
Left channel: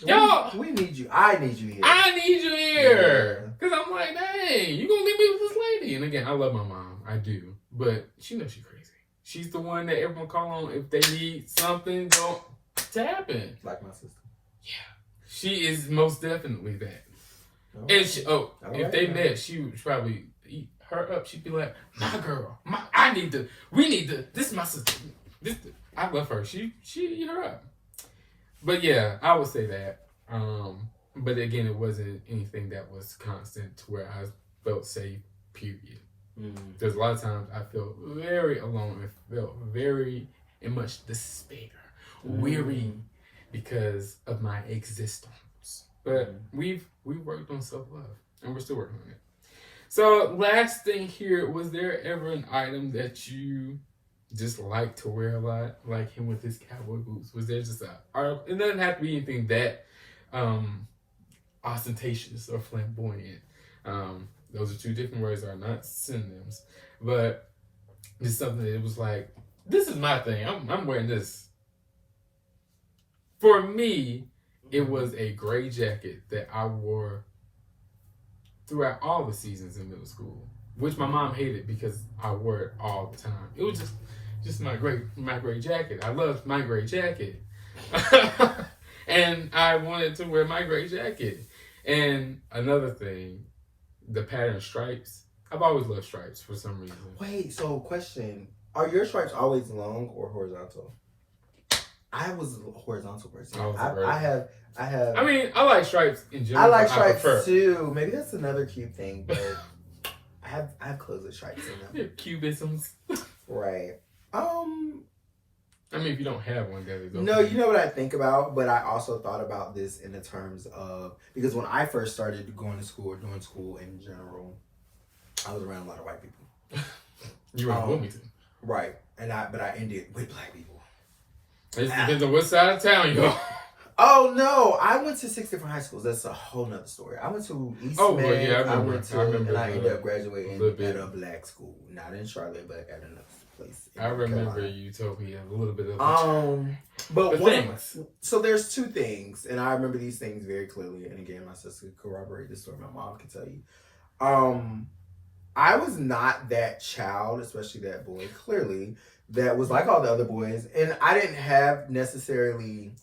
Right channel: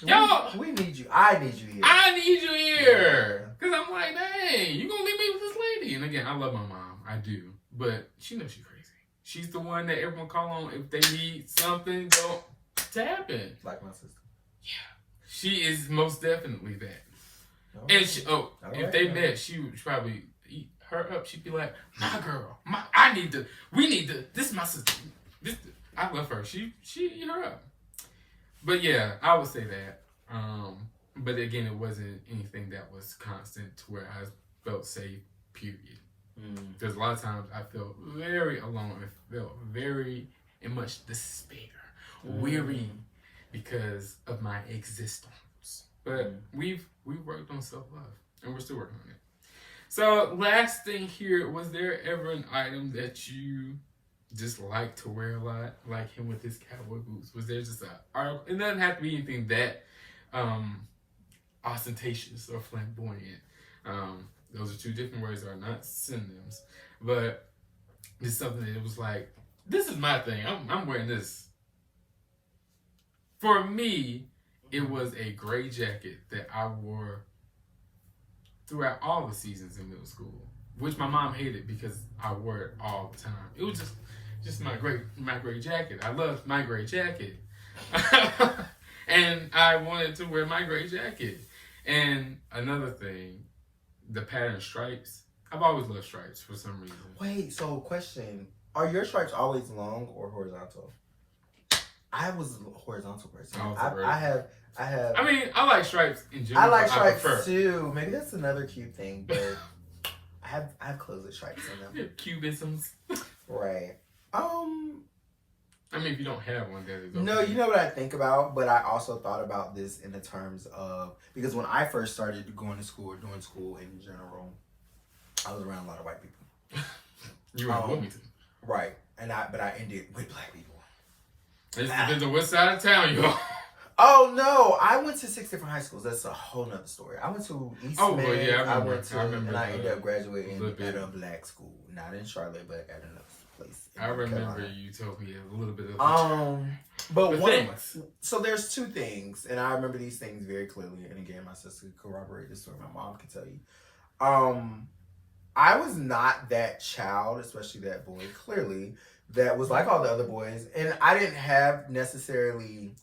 Yo, we need you. I need you here. I need you here. Because I'm like, dang, you gonna leave me with this lady? And again, I love my mom. I do. But she knows she's crazy. She's the one that everyone call on if they need something to happen. Like my sister. Yeah. She is most definitely that. And if they met, she would probably eat her up. She'd be like, my girl, we need to, this is my sister. I love her. She eat her up. But yeah, I would say that. But again, it wasn't anything that was constant to where I felt safe, period. Because a lot of times I felt very alone and felt very in much despair, weary because of my existence. But we worked on self-love and we're still working on it. So last thing here, was there ever an item that you just like to wear a lot, like him with his cowboy boots? Was there just it doesn't have to be anything that ostentatious or flamboyant. Those are two different words that are not synonyms. But it's something that it was like, this is my thing. I'm wearing this. For me, it was a gray jacket that I wore throughout all the seasons in middle school, which my mom hated because I wore it all the time. It was just my gray jacket. I loved my gray jacket. And I wanted to wear my gray jacket. And another thing, the pattern stripes. I've always loved stripes for some reason. Wait, so question. Are your stripes always long or horizontal? I was a horizontal person. I have. I mean, I like stripes in general. I like stripes too. Maybe that's another cute thing, but I have clothes with stripes in them. Cubisms. Right. I mean, if you don't have one, that is okay. No, you know what I think about, but I also thought about this in the terms of, because when I first started going to school or doing school in general, I was around a lot of white people. You were in Wilmington. Right. But I ended with black people. It depends on what side of town you go. Oh no, I went to 6 different high schools. That's a whole nother story. I went to Eastman. Well, yeah, I remember. And I ended up graduating at a black school, not in Charlotte, but at another place. I remember you told me a little bit of but things. So there's two things, and I remember these things very clearly. And again, my sister could corroborate this story. My mom can tell you. I was not that child, especially that boy, clearly, that was like all the other boys, and I didn't have necessarily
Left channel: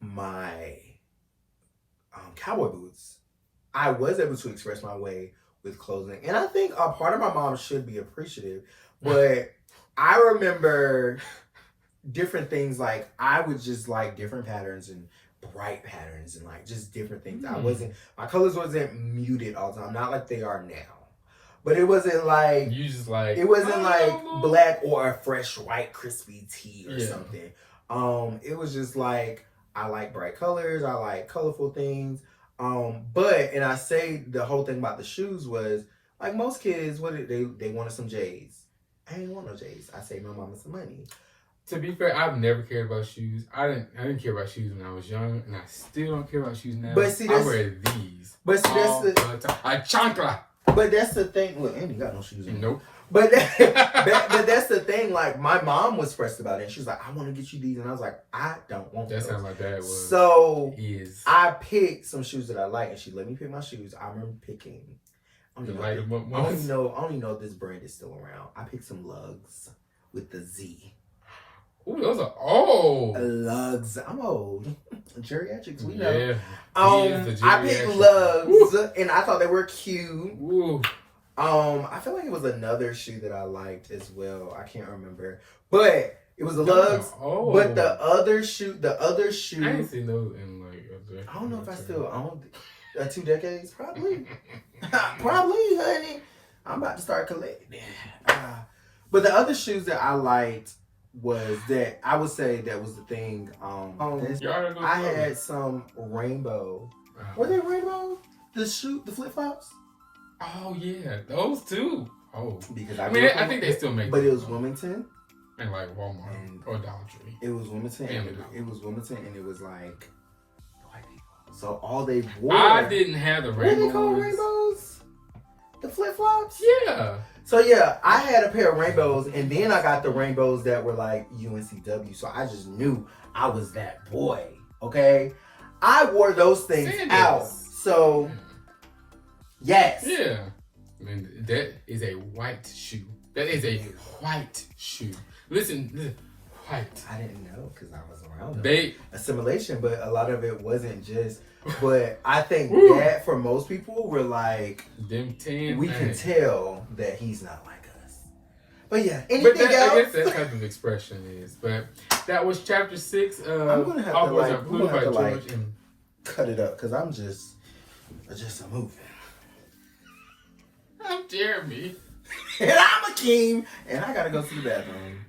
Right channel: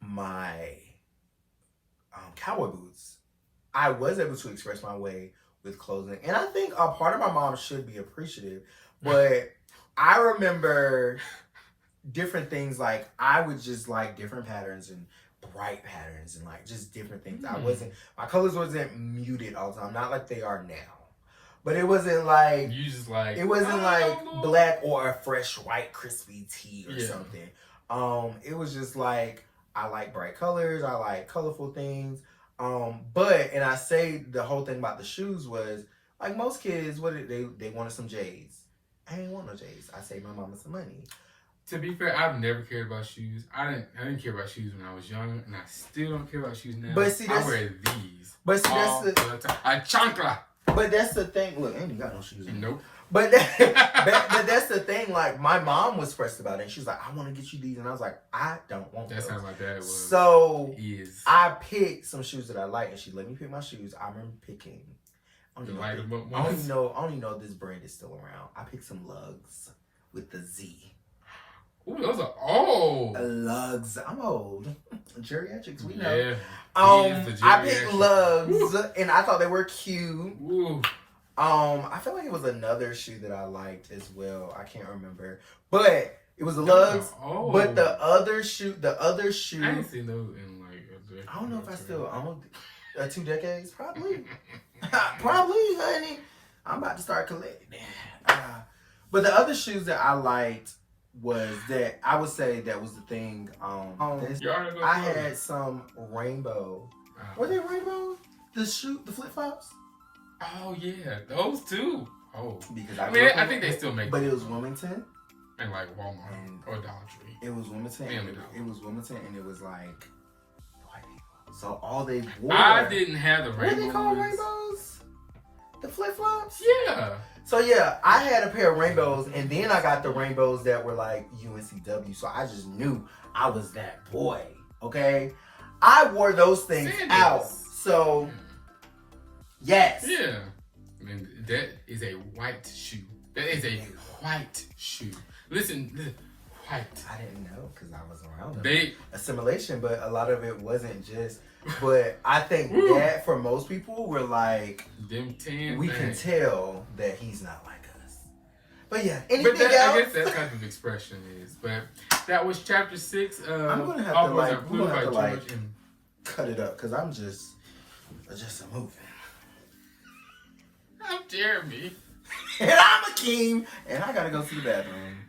my cowboy boots. I was able to express my way with clothing, and I think a part of my mom should be appreciative, but I remember different things, like I would just like different patterns and bright patterns and like just different things. My colors wasn't muted all the time, not like they are now, but it wasn't like it wasn't like black or a fresh white crispy tea or something. It was just like, I like bright colors, I like colorful things. And I say the whole thing about the shoes was, like most kids, they wanted some J's. I didn't want no J's. I saved my mama some money. To be fair, I've never cared about shoes. I didn't care about shoes when I was young, and I still don't care about shoes now. But see, I wear these. But see, all the time. A chancla. But that's the thing. Look, I ain't got no shoes. Nope. But that's the thing. Like, my mom was pressed about it. And she was like, I want to get you these. And I was like, I don't want those. That's how my dad was. So I picked some shoes that I like, and she let me pick my shoes. I remember picking. I only know this brand is still around. I picked some lugs with the Z. Ooh, those are old. Lugs. I'm old. Geriatrics, we know. Yeah. I picked lugs, and I thought they were cute. Ooh. I feel like it was another shoe that I liked as well. I can't remember, but it was the lugs. But the other shoe. I ain't seen those in like I don't know if I still own 2 decades. Probably, honey. I'm about to start collecting. But the other shoes that I liked was that I would say that was the thing. I had some rainbow. Were they rainbow? The flip flops. Oh yeah, those too. Oh, because I think they still make. But it was Wilmington and like Walmart or Dollar Tree. It was Wilmington. It was Wilmington, and it was like white people. So all they wore. I didn't have the rainbows. What are they called, rainbows? The flip flops. Yeah. So yeah, I had a pair of rainbows, and then I got the rainbows that were like UNCW. So I just knew I was that boy. Okay, I wore those things out. So. Yes. Yeah. I mean, that is a white shoe. That is a white shoe. Listen, white. I didn't know because I was around them. Assimilation, but a lot of it wasn't just. But I think that for most people, we're like, them 10 we can tell that he's not like us. But yeah, anything else? I guess that type of expression is. But that was chapter 6. I'm gonna have to cut it up because I'm just a movie. I'm Jeremy. And I'm Akeem. And I gotta go to the bathroom.